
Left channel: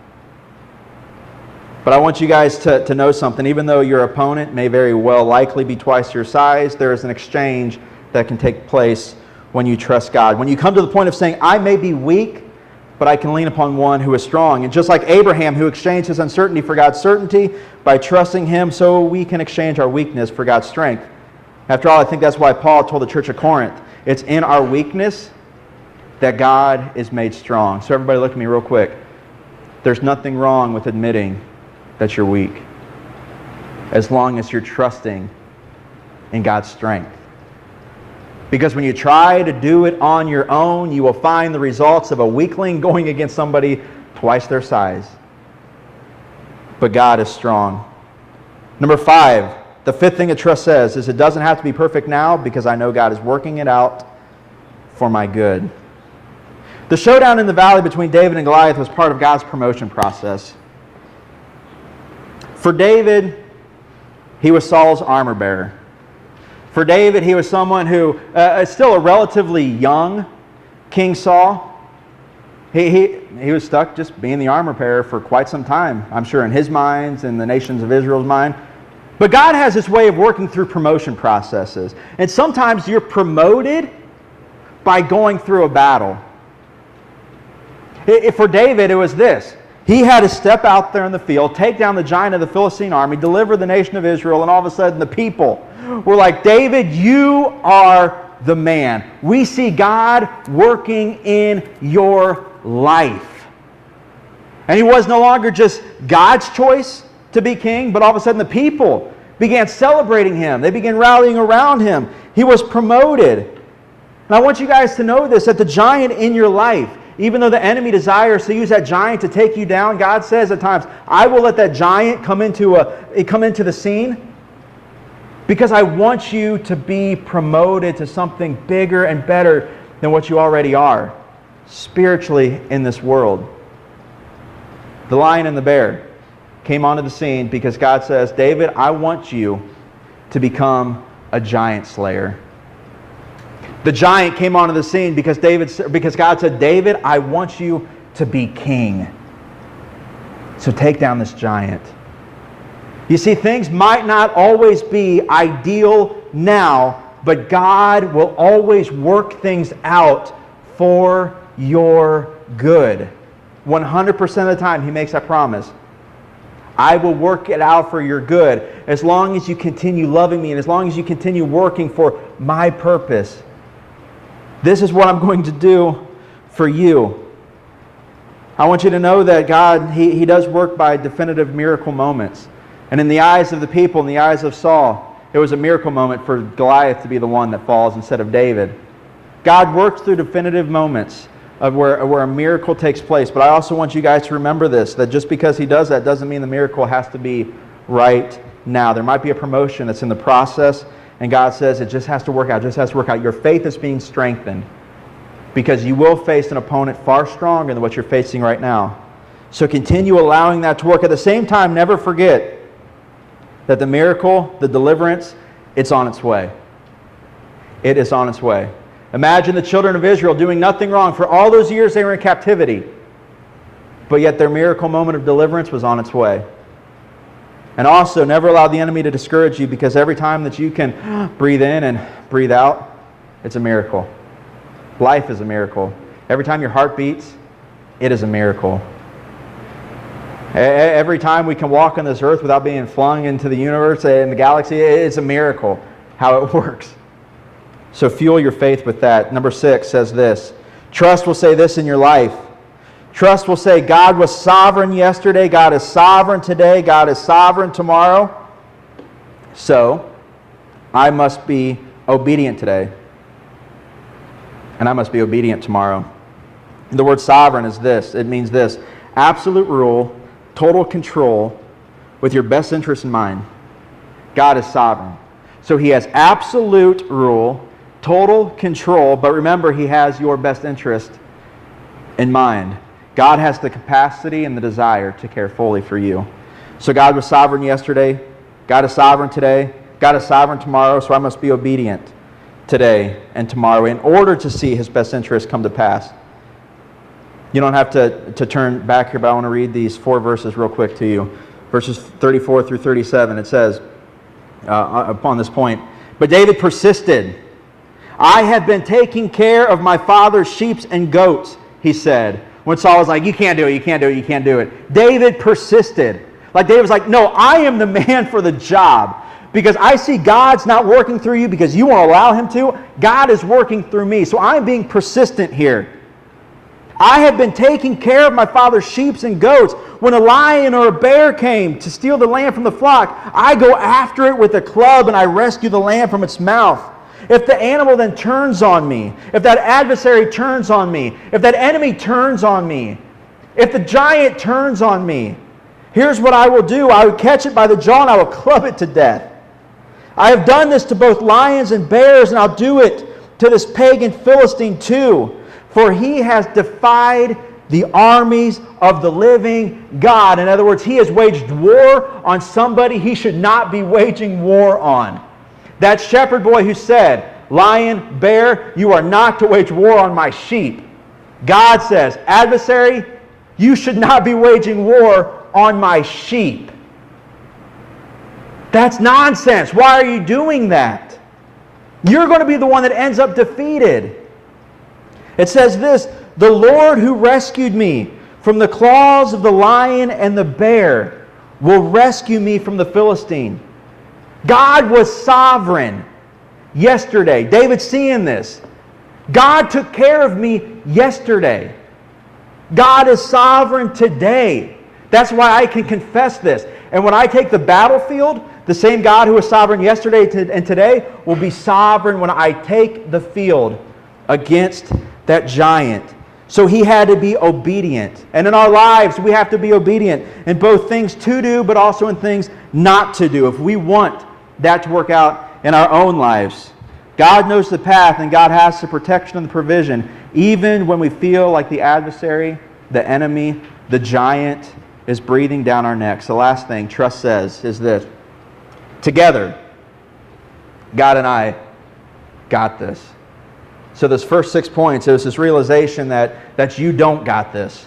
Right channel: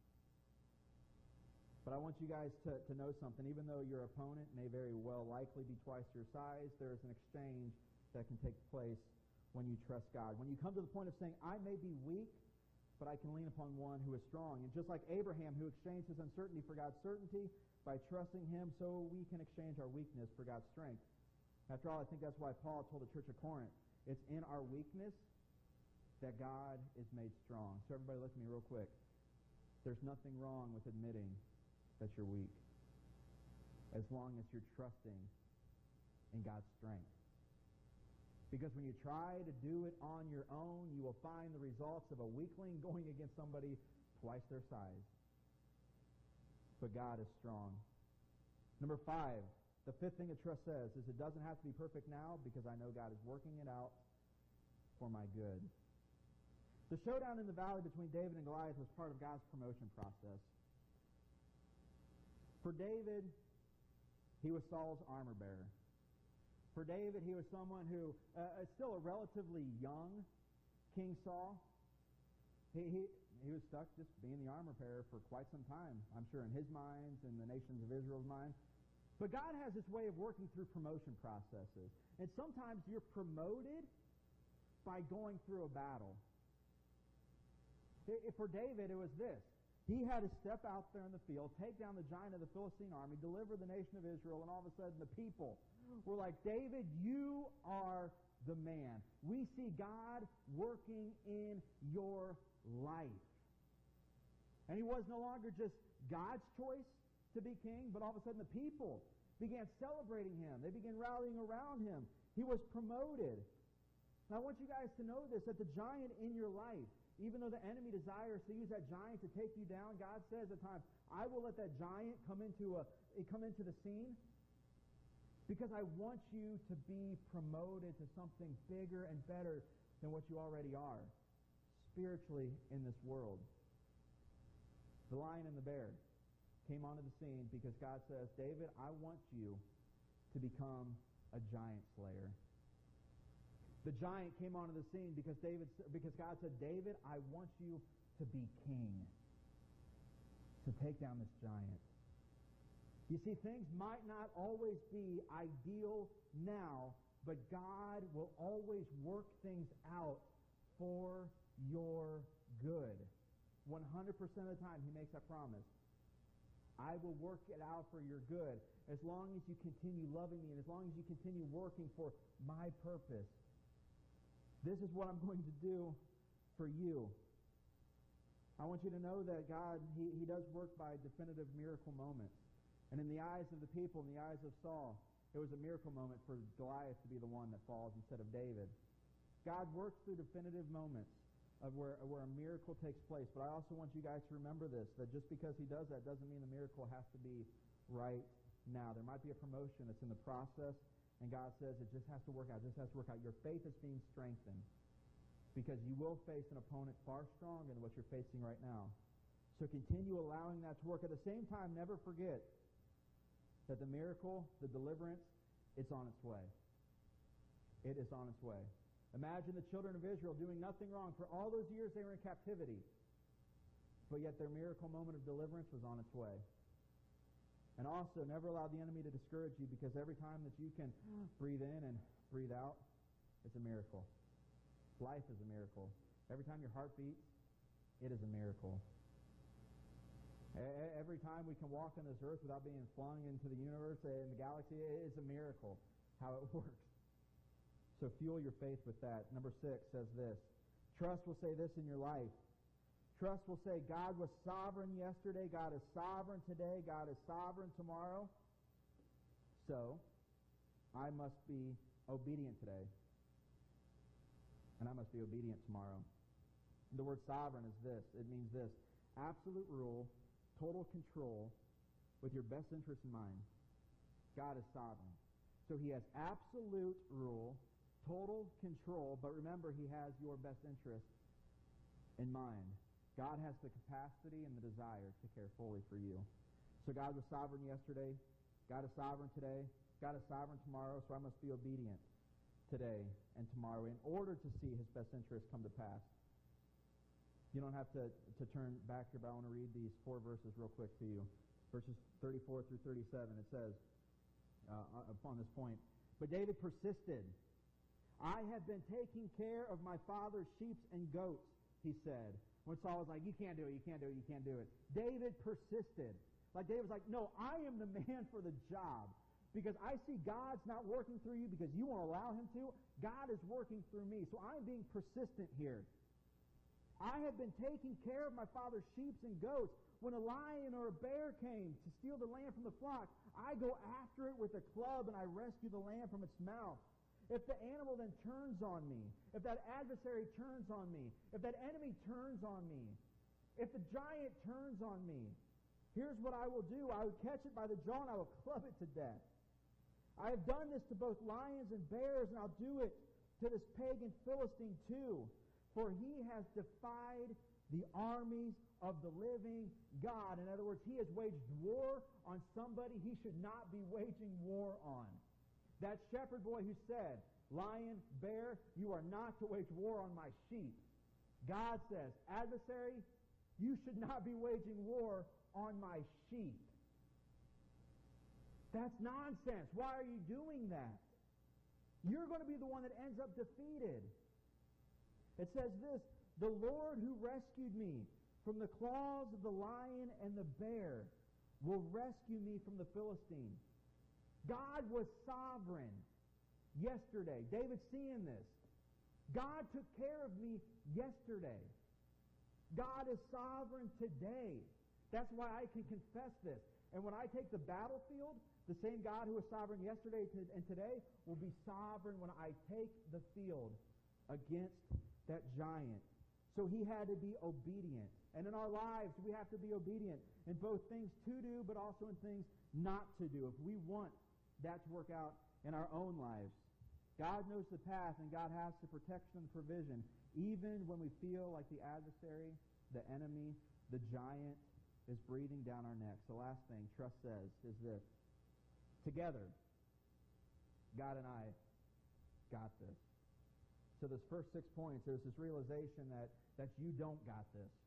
But I want you guys to know something. Even though your opponent may very well likely be twice your size, there is an exchange that can take place when you trust God. When you come to the point of saying, I may be weak, but I can lean upon one who is strong. And just like Abraham, who exchanged his uncertainty for God's certainty by trusting him, so we can exchange our weakness for God's strength. After all, I think that's why Paul told the church of Corinth, it's in our weakness that God is made strong. So everybody look at me real quick. There's nothing wrong with admitting that you're weak, as long as you're trusting in God's strength. Because when you try to do it on your own, you will find the results of a weakling going against somebody twice their size. But God is strong. Number 5, the fifth thing that trust says is it doesn't have to be perfect now, because I know God is working it out for my good. The showdown in the valley between David and Goliath was part of God's promotion process. For David, he was Saul's armor bearer. For David, he was someone who is still a relatively young King Saul. He was stuck just being the armor bearer for quite some time, I'm sure, in his mind and the nations of Israel's mind. But God has this way of working through promotion processes. And sometimes you're promoted by going through a battle. For David, it was this. He had to step out there in the field, take down the giant of the Philistine army, deliver the nation of Israel, and all of a sudden the people were like, David, you are the man. We see God working in your life. And he was no longer just God's choice to be king, but all of a sudden the people began celebrating him. They began rallying around him. He was promoted. And I want you guys to know this, that the giant in your life, even though the enemy desires to use that giant to take you down, God says at times, I will let that giant come into the scene because I want you to be promoted to something bigger and better than what you already are spiritually in this world. The lion and the bear came onto the scene because God says, David, I want you to become a giant slayer. The giant came onto the scene because God said, David, I want you to be king. So take down this giant. You see, things might not always be ideal now, but God will always work things out for your good. 100% of the time, He makes that promise. I will work it out for your good as long as you continue loving me and as long as you continue working for my purpose. This is what I'm going to do for you. I want you to know that God, He does work by definitive miracle moments. And in the eyes of the people, in the eyes of Saul, it was a miracle moment for Goliath to be the one that falls instead of David. God works through definitive moments of where a miracle takes place. But I also want you guys to remember this, that just because He does that doesn't mean the miracle has to be right now. There might be a promotion that's in the process, and God says it just has to work out, just has to work out. Your faith is being strengthened because you will face an opponent far stronger than what you're facing right now. So continue allowing that to work. At the same time, never forget that the miracle, the deliverance, it's on its way. It is on its way. Imagine the children of Israel doing nothing wrong. For all those years they were in captivity. But yet their miracle moment of deliverance was on its way. And also, never allow the enemy to discourage you, because every time that you can breathe in and breathe out, it's a miracle. Life is a miracle. Every time your heart beats, it is a miracle. Every time we can walk on this earth without being flung into the universe and the galaxy, it's a miracle how it works. So fuel your faith with that. Number 6 says this. Trust will say this in your life. Trust will say, God was sovereign yesterday, God is sovereign today, God is sovereign tomorrow. So, I must be obedient today. And I must be obedient tomorrow. The word sovereign is this. It means this. Absolute rule, total control, with your best interest in mind. God is sovereign. So He has absolute rule, total control, but remember, He has your best interest in mind. God has the capacity and the desire to care fully for you. So God was sovereign yesterday. God is sovereign today. God is sovereign tomorrow, so I must be obedient today and tomorrow in order to see His best interest come to pass. You don't have to turn back here, but I want to read these 4 verses real quick to you. Verses 34 through 37, it says, upon this point, but David persisted. I have been taking care of my father's sheep and goats, he said. When Saul was like, you can't do it, you can't do it, you can't do it. David persisted. Like David was like, no, I am the man for the job. Because I see God's not working through you because you won't allow Him to. God is working through me. So I'm being persistent here. I have been taking care of my father's sheep and goats. When a lion or a bear came to steal the lamb from the flock, I go after it with a club and I rescue the lamb from its mouth. If the animal then turns on me, if that adversary turns on me, if that enemy turns on me, if the giant turns on me, here's what I will do. I will catch it by the jaw and I will club it to death. I have done this to both lions and bears, and I'll do it to this pagan Philistine too, for he has defied the armies of the living God. In other words, he has waged war on somebody he should not be waging war on. That shepherd boy who said, "Lion, bear, you are not to wage war on my sheep." God says, "Adversary, you should not be waging war on my sheep." That's nonsense. Why are you doing that? You're going to be the one that ends up defeated. It says this, "The Lord who rescued me from the claws of the lion and the bear will rescue me from the Philistine." God was sovereign yesterday. David's seeing this. God took care of me yesterday. God is sovereign today. That's why I can confess this. And when I take the battlefield, the same God who was sovereign yesterday and today will be sovereign when I take the field against that giant. So he had to be obedient. And in our lives, we have to be obedient in both things to do, but also in things not to do, if we want that to work out in our own lives. God knows the path, and God has the protection and the provision, even when we feel like the adversary, the enemy, the giant is breathing down our necks. The last thing trust says is this: together, God and I got this. So those first 6 points, it was this realization that you don't got this.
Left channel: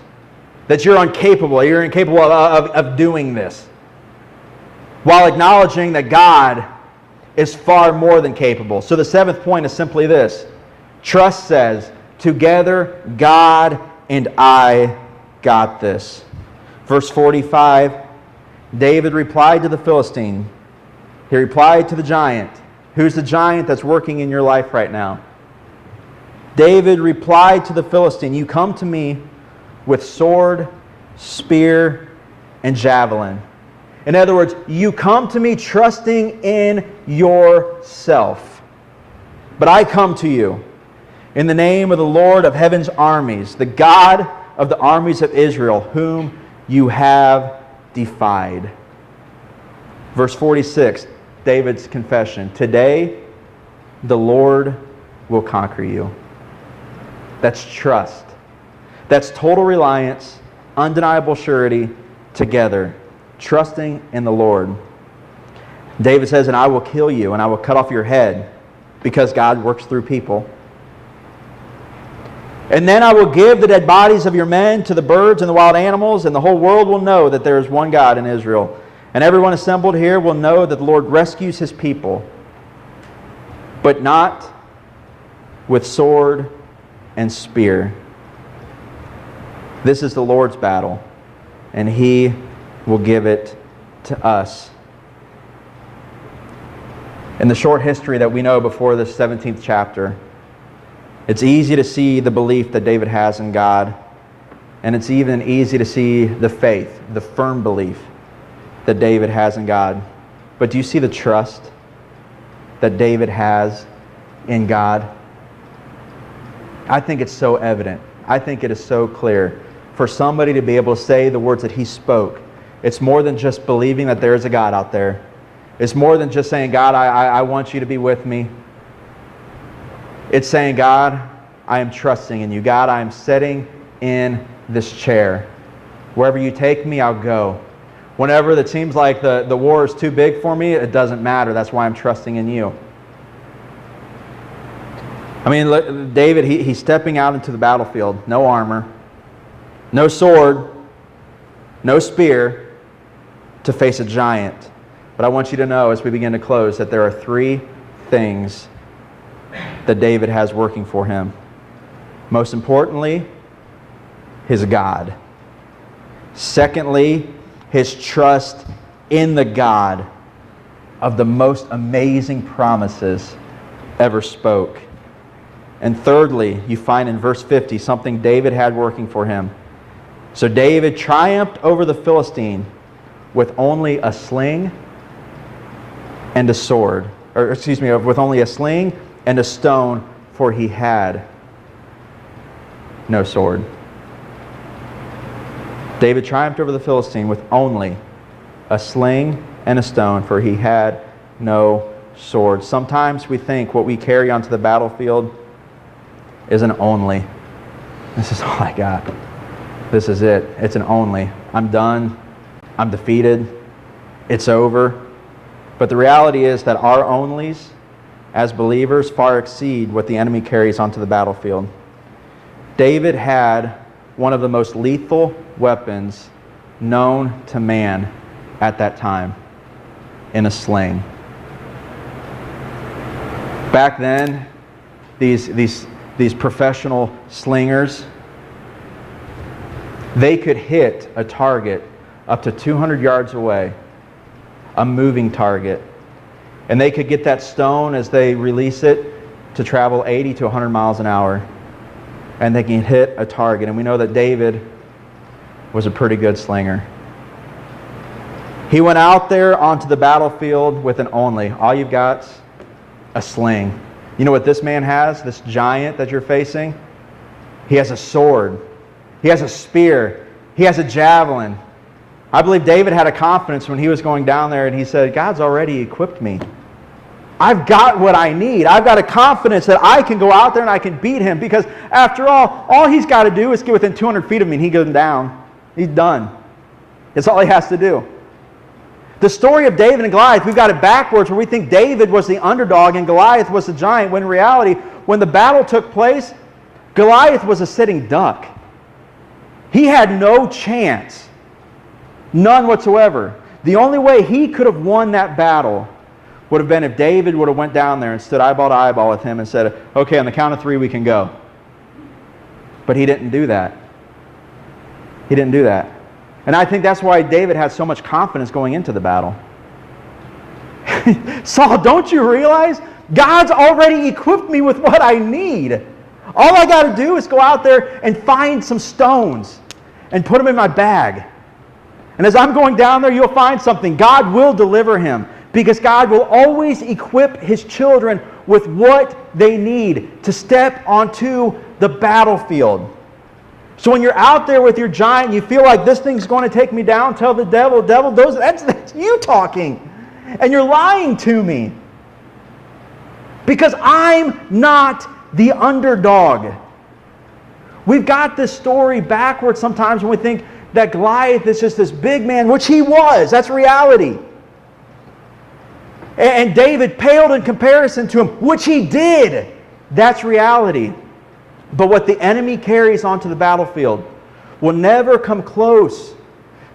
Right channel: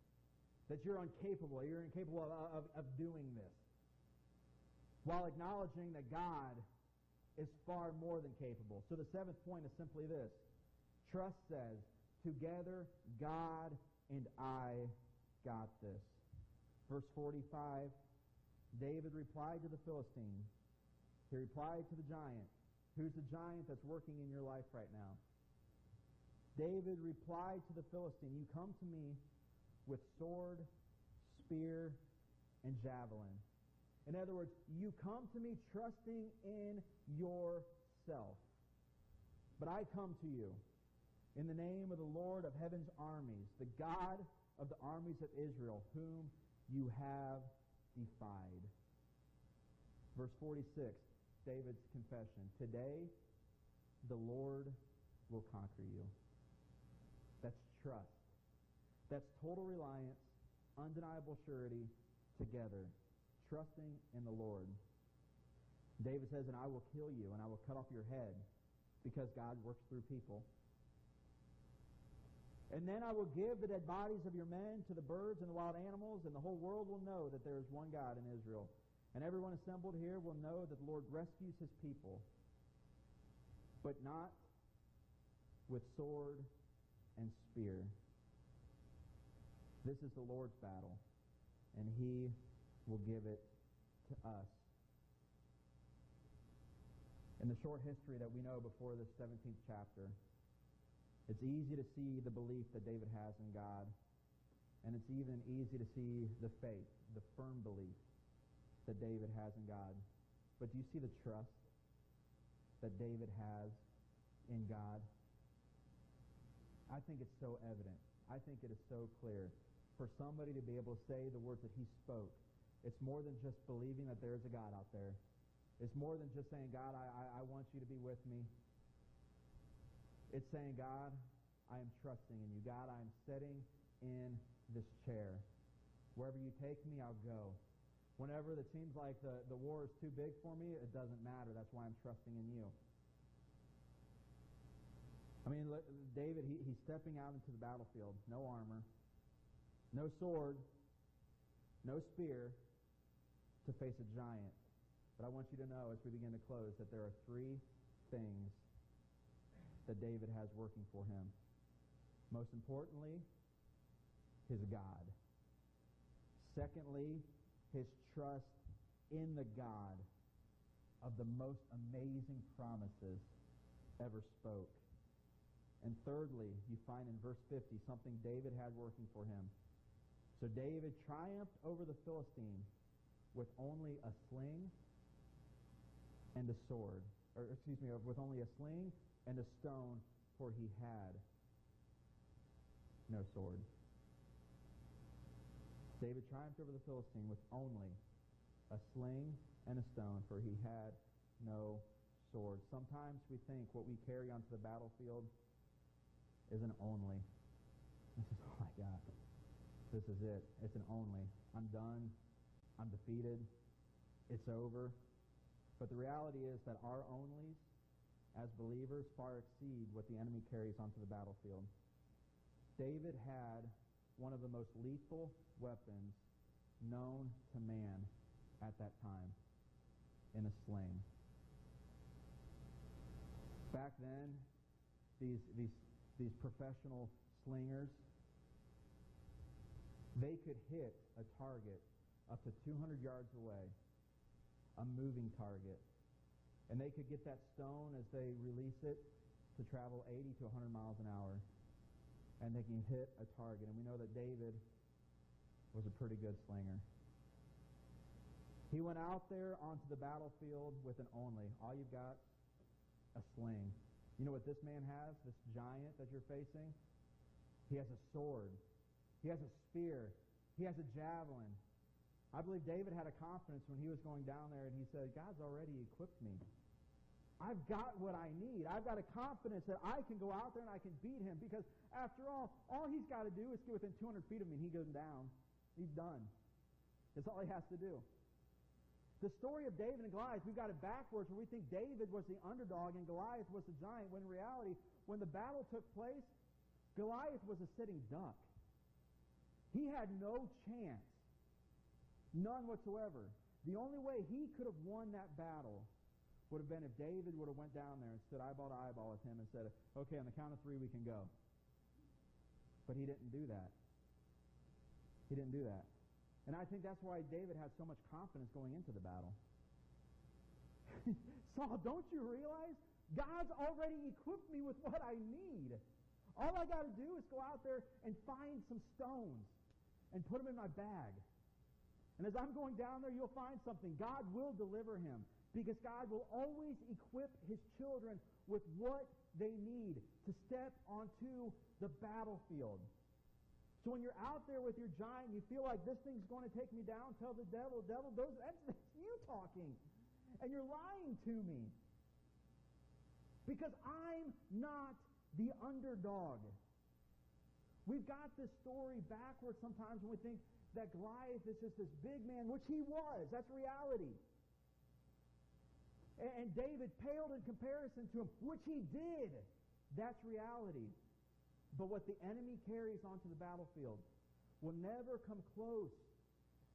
That you're incapable of doing this. While acknowledging that God is far more than capable. So the 7th point is simply this: trust says, together God and I got this. Verse 45, David replied to the Philistine. He replied to the giant. Who's the giant that's working in your life right now? David replied to the Philistine, "You come to me with sword, spear, and javelin." In other words, you come to me trusting in yourself. But I come to you in the name of the Lord of heaven's armies, the God of the armies of Israel, whom you have defied. Verse 46, David's confession. Today, the Lord will conquer you. That's trust. That's total reliance, undeniable surety, together, trusting in the Lord. David says, "And I will kill you, and I will cut off your head," because God works through people. "And then I will give the dead bodies of your men to the birds and the wild animals, and the whole world will know that there is one God in Israel. And everyone assembled here will know that the Lord rescues his people, but not with sword and spear. This is the Lord's battle, and he will give it to us." In the short history that we know before this 17th chapter, it's easy to see the belief that David has in God, and it's even easy to see the faith, the firm belief that David has in God. But do you see the trust that David has in God? I think it's so evident. I think it is so clear. For somebody to be able to say the words that he spoke, it's more than just believing that there is a God out there. It's more than just saying, "God, I want you to be with me." It's saying, "God, I am trusting in you. God, I am sitting in this chair. Wherever you take me, I'll go. Whenever it seems like the war is too big for me, it doesn't matter. That's why I'm trusting in you." I mean, look, David, he's stepping out into the battlefield. No armor, no sword, no spear to face a giant. But I want you to know as we begin to close that there are 3 things that David has working for him. Most importantly, his God. Secondly, his trust in the God of the most amazing promises ever spoke. And thirdly, you find in verse 50 something David had working for him. So David triumphed over the Philistine with only a sling and a sword. With only a sling and a stone, for he had no sword. David triumphed over the Philistine with only a sling and a stone, for he had no swords. Sometimes we think what we carry onto the battlefield is an only. This is all I got. This is it. It's an only. I'm done. I'm defeated. It's over. But the reality is that our onlys as believers far exceed what the enemy carries onto the battlefield. David had one of the most lethal weapons known to man at that time in a sling. Back then, these professional slingers, they could hit a target up to 200 yards away, a moving target. And they could get that stone as they release it to travel 80 to 100 miles an hour. And they can hit a target. And we know that David was a pretty good slinger. He went out there onto the battlefield with an only. All you've got's a sling. You know what this man has, this giant that you're facing? He has a sword. He has a spear. He has a javelin. I believe David had a confidence when he was going down there and he said, God's already equipped me. I've got what I need. I've got a confidence that I can go out there and I can beat him, because after all he's got to do is get within 200 feet of me and he goes down. He's done. That's all he has to do. The story of David and Goliath, we've got it backwards, where we think David was the underdog and Goliath was the giant, when in reality, when the battle took place, Goliath was a sitting duck. He had no chance. None whatsoever. The only way he could have won that battle would have been if David would have went down there and stood eyeball to eyeball with him and said, okay, on the count of 3 we can go. But he didn't do that. He didn't do that. And I think that's why David had so much confidence going into the battle. Saul, don't you realize God's already equipped me with what I need? All I got to do is go out there and find some stones and put them in my bag. And as I'm going down there, you'll find something. God will deliver him, because God will always equip his children with what they need to step onto the battlefield. So when you're out there with your giant and you feel like this thing's going to take me down, tell the devil, that's you talking. And you're lying to me. Because I'm not the underdog. We've got this story backwards sometimes when we think that Goliath is just this big man, which he was. That's reality. And David paled in comparison to him, which he did. That's reality. But what the enemy carries onto the battlefield will never come close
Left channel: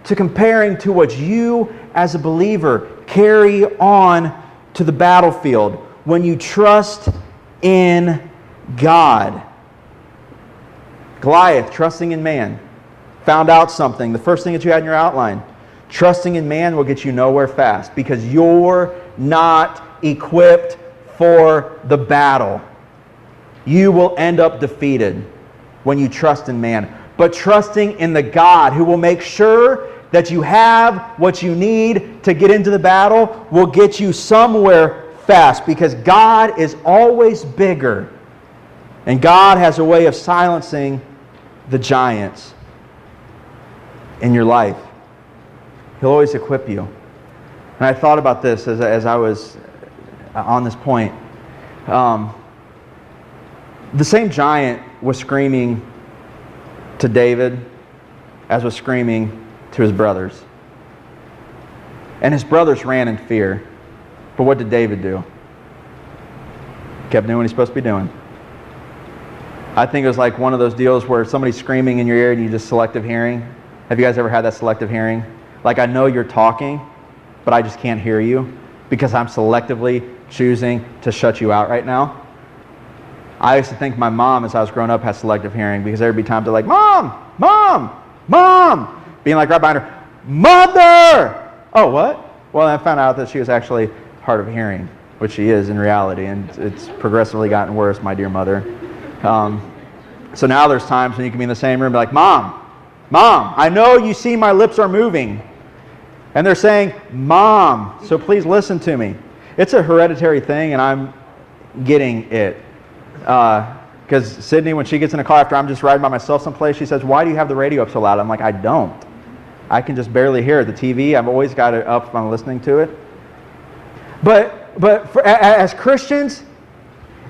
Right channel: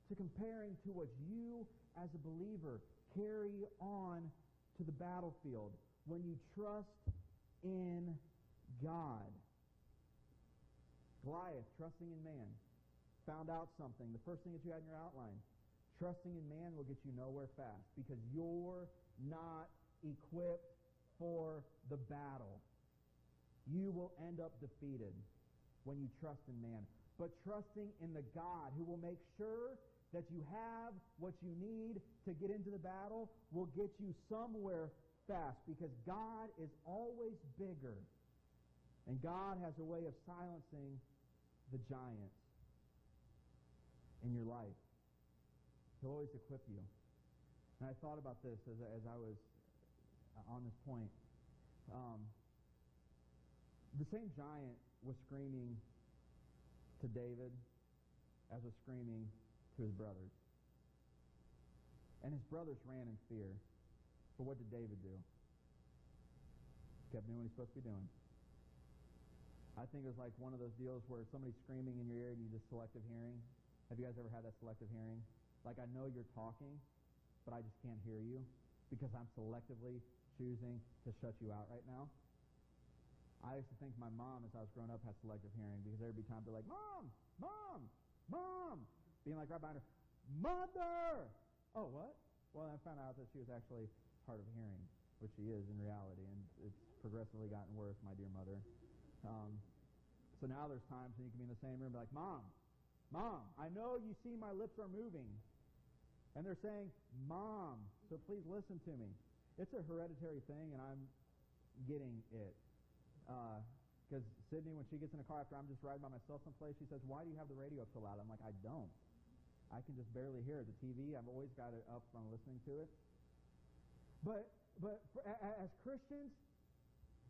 to comparing to what you as a believer carry on to the battlefield when you trust in God. Goliath, trusting in man, found out something. The first thing that you had in your outline, trusting in man will get you nowhere fast, because you're not equipped for the battle. You will end up defeated when you trust in man. But trusting in the God who will make sure that you have what you need to get into the battle will get you somewhere fast, because God is always bigger. And God has a way of silencing the giants in your life. He'll always equip you. And I thought about this as I was on this point. The same giant was screaming to David as was screaming to his brothers. And his brothers ran in fear. But what did David do? Kept doing what he's supposed to be doing. I think it was like one of those deals where somebody's screaming in your ear and you just selective hearing. Have you guys ever had that selective hearing? Like, I know you're talking, but I just can't hear you because I'm selectively choosing to shut you out right now. I used to think my mom, as I was growing up, had selective hearing, because there'd be times they're like, Mom! Mom! Mom! Being like right behind her, Mother! Oh, what? Well, I found out that she was actually hard of hearing, which she is in reality, and it's progressively gotten worse, my dear mother. So now there's times when you can be in the same room and be like, Mom! Mom! I know you see my lips are moving. And they're saying, Mom, so please listen to me. It's a hereditary thing, and I'm getting it. Because Sydney, when she gets in a car after I'm just riding by myself someplace, she says, why do you have the radio up so loud? I'm like, I don't. I can just barely hear it. The TV, I've always got it up if I'm listening to it. As Christians,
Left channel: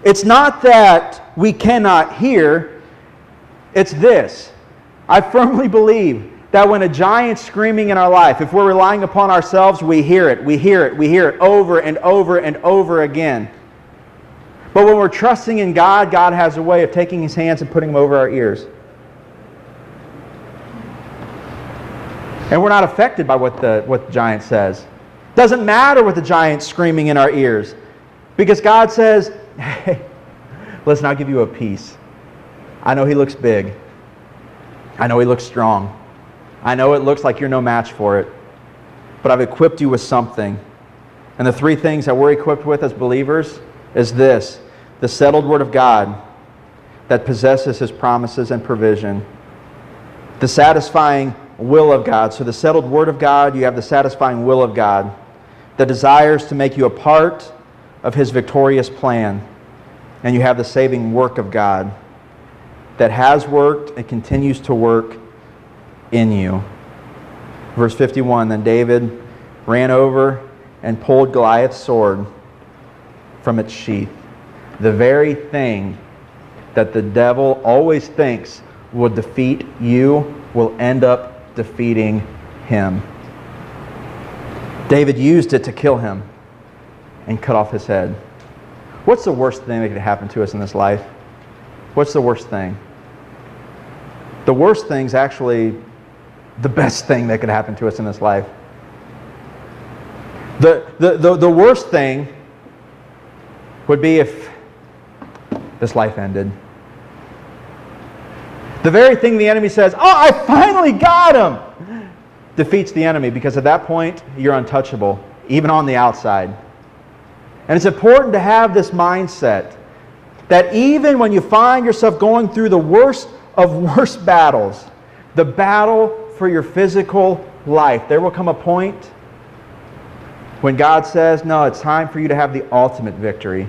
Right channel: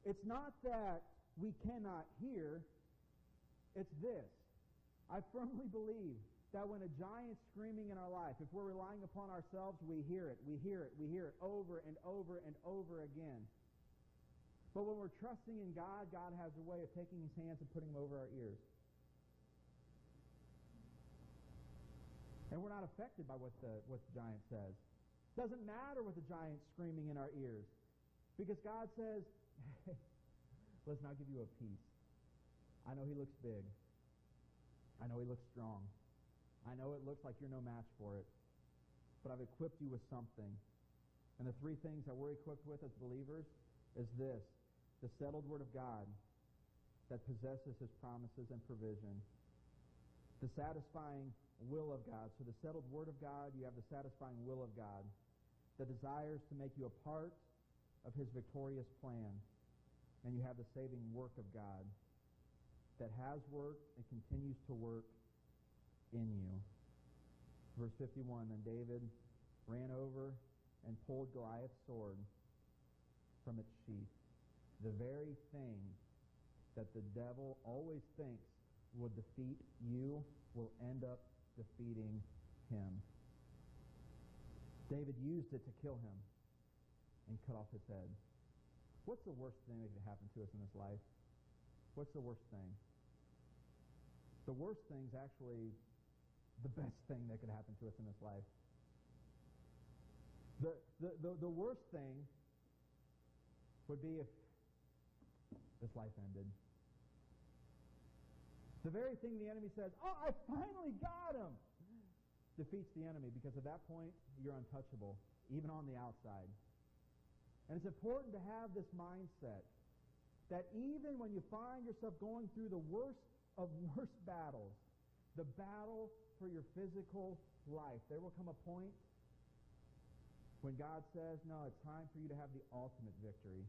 it's not that we cannot hear, it's this. I firmly believe that when a giant's screaming in our life, if we're relying upon ourselves, we hear it over and over and over again. But when we're trusting in God, God has a way of taking His hands and putting them over our ears. And we're not affected by what the giant says. Doesn't matter what the giant's screaming in our ears. Because God says, hey, listen, I'll give you a peace. I know he looks big. I know he looks strong. I know it looks like you're no match for it. But I've equipped you with something. And the three things that we're equipped with as believers is this: the settled Word of God that possesses His promises and provision. The satisfying will of God. So the settled Word of God, you have the satisfying will of God that desires to make you a part of His victorious plan. And you have the saving work of God that has worked and continues to work in you. Verse 51, then David ran over and pulled Goliath's sword from its sheath. The very thing that the devil always thinks will defeat you will end up defeating him. David used it to kill him and cut off his head. What's the worst thing that could happen to us in this life? What's the worst thing? The worst thing's actually the best thing that could happen to us in this life. The worst thing would be if this life ended. The very thing the enemy says, oh, I finally got him, defeats the enemy, because at that point, you're untouchable, even on the outside. And it's important to have this mindset that even when you find yourself going through the worst of worst battles, the battle for your physical life, there will come a point when God says, no, it's time for you to have the ultimate victory.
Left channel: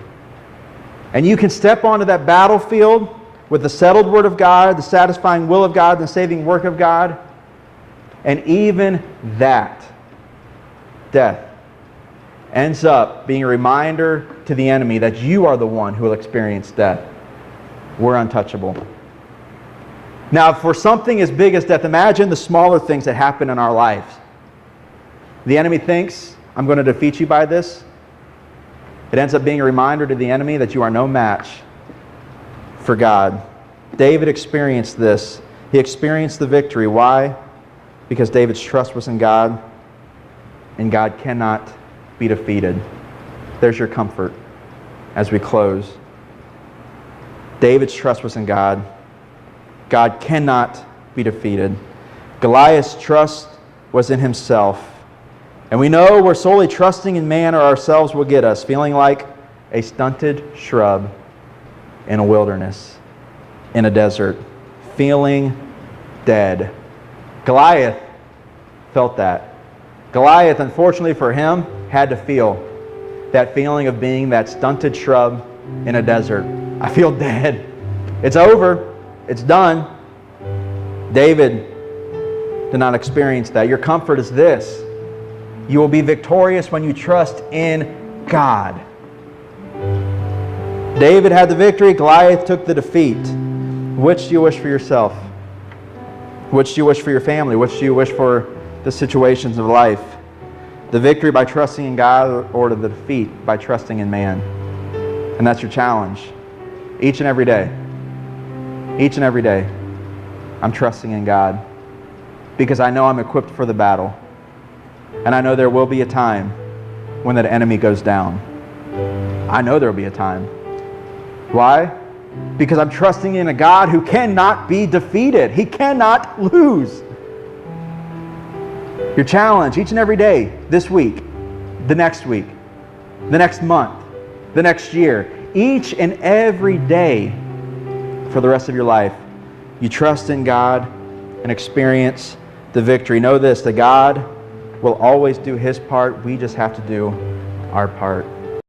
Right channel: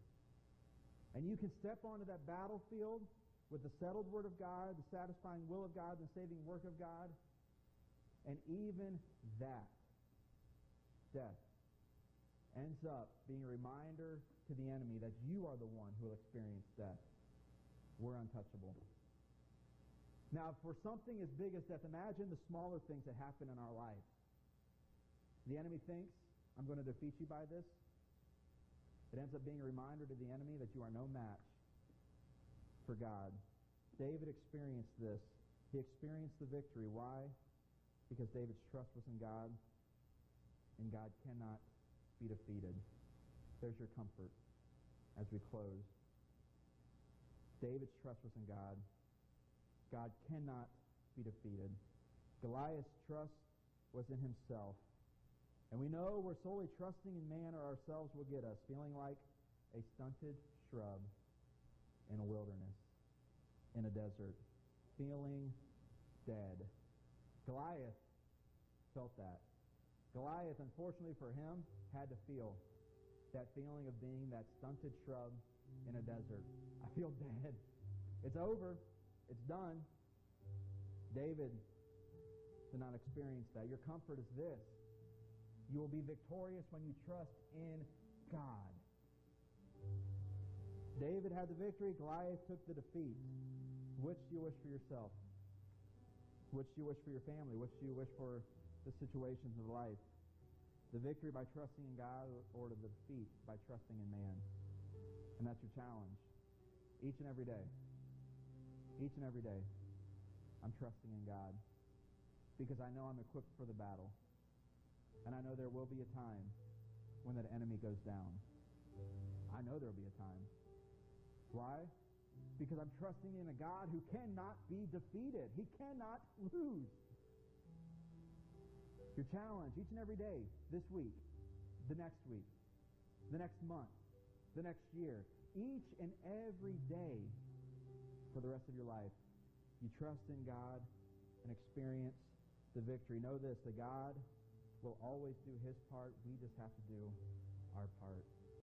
And you can step onto that battlefield with the settled Word of God, the satisfying will of God, the saving work of God, and even that, death, ends up being a reminder to the enemy that you are the one who will experience death. We're untouchable. Now, for something as big as death, imagine the smaller things that happen in our lives. The enemy thinks, I'm going to defeat you by this. It ends up being a reminder to the enemy that you are no match for God. David experienced this. He experienced the victory. Why? Because David's trust was in God, and God cannot be defeated. There's your comfort as we close. David's trust was in God. God cannot be defeated. Goliath's trust was in himself. And we know where solely trusting in man or ourselves will get us, feeling like a stunted shrub in a wilderness, in a desert, feeling dead. Goliath felt that. Goliath, unfortunately for him, had to feel that feeling of being that stunted shrub in a desert. I feel dead. It's over. It's done. David did not experience that. Your comfort is this: you will be victorious when you trust in God. David had the victory. Goliath took the defeat. Which do you wish for yourself? Which do you wish for your family? Which do you wish for the situations of life? The victory by trusting in God, or the defeat by trusting in man? And that's your challenge. Each and every day. Each and every day, I'm trusting in God because I know I'm equipped for the battle. And I know there will be a time when that enemy goes down. I know there will be a time. Why? Because I'm trusting in a God who cannot be defeated. He cannot lose. Your challenge each and every day, this week, the next month, the next year, each and every day for the rest of your life, you trust in God and experience the victory. Know this, that God will always do His part. We just have to do our part.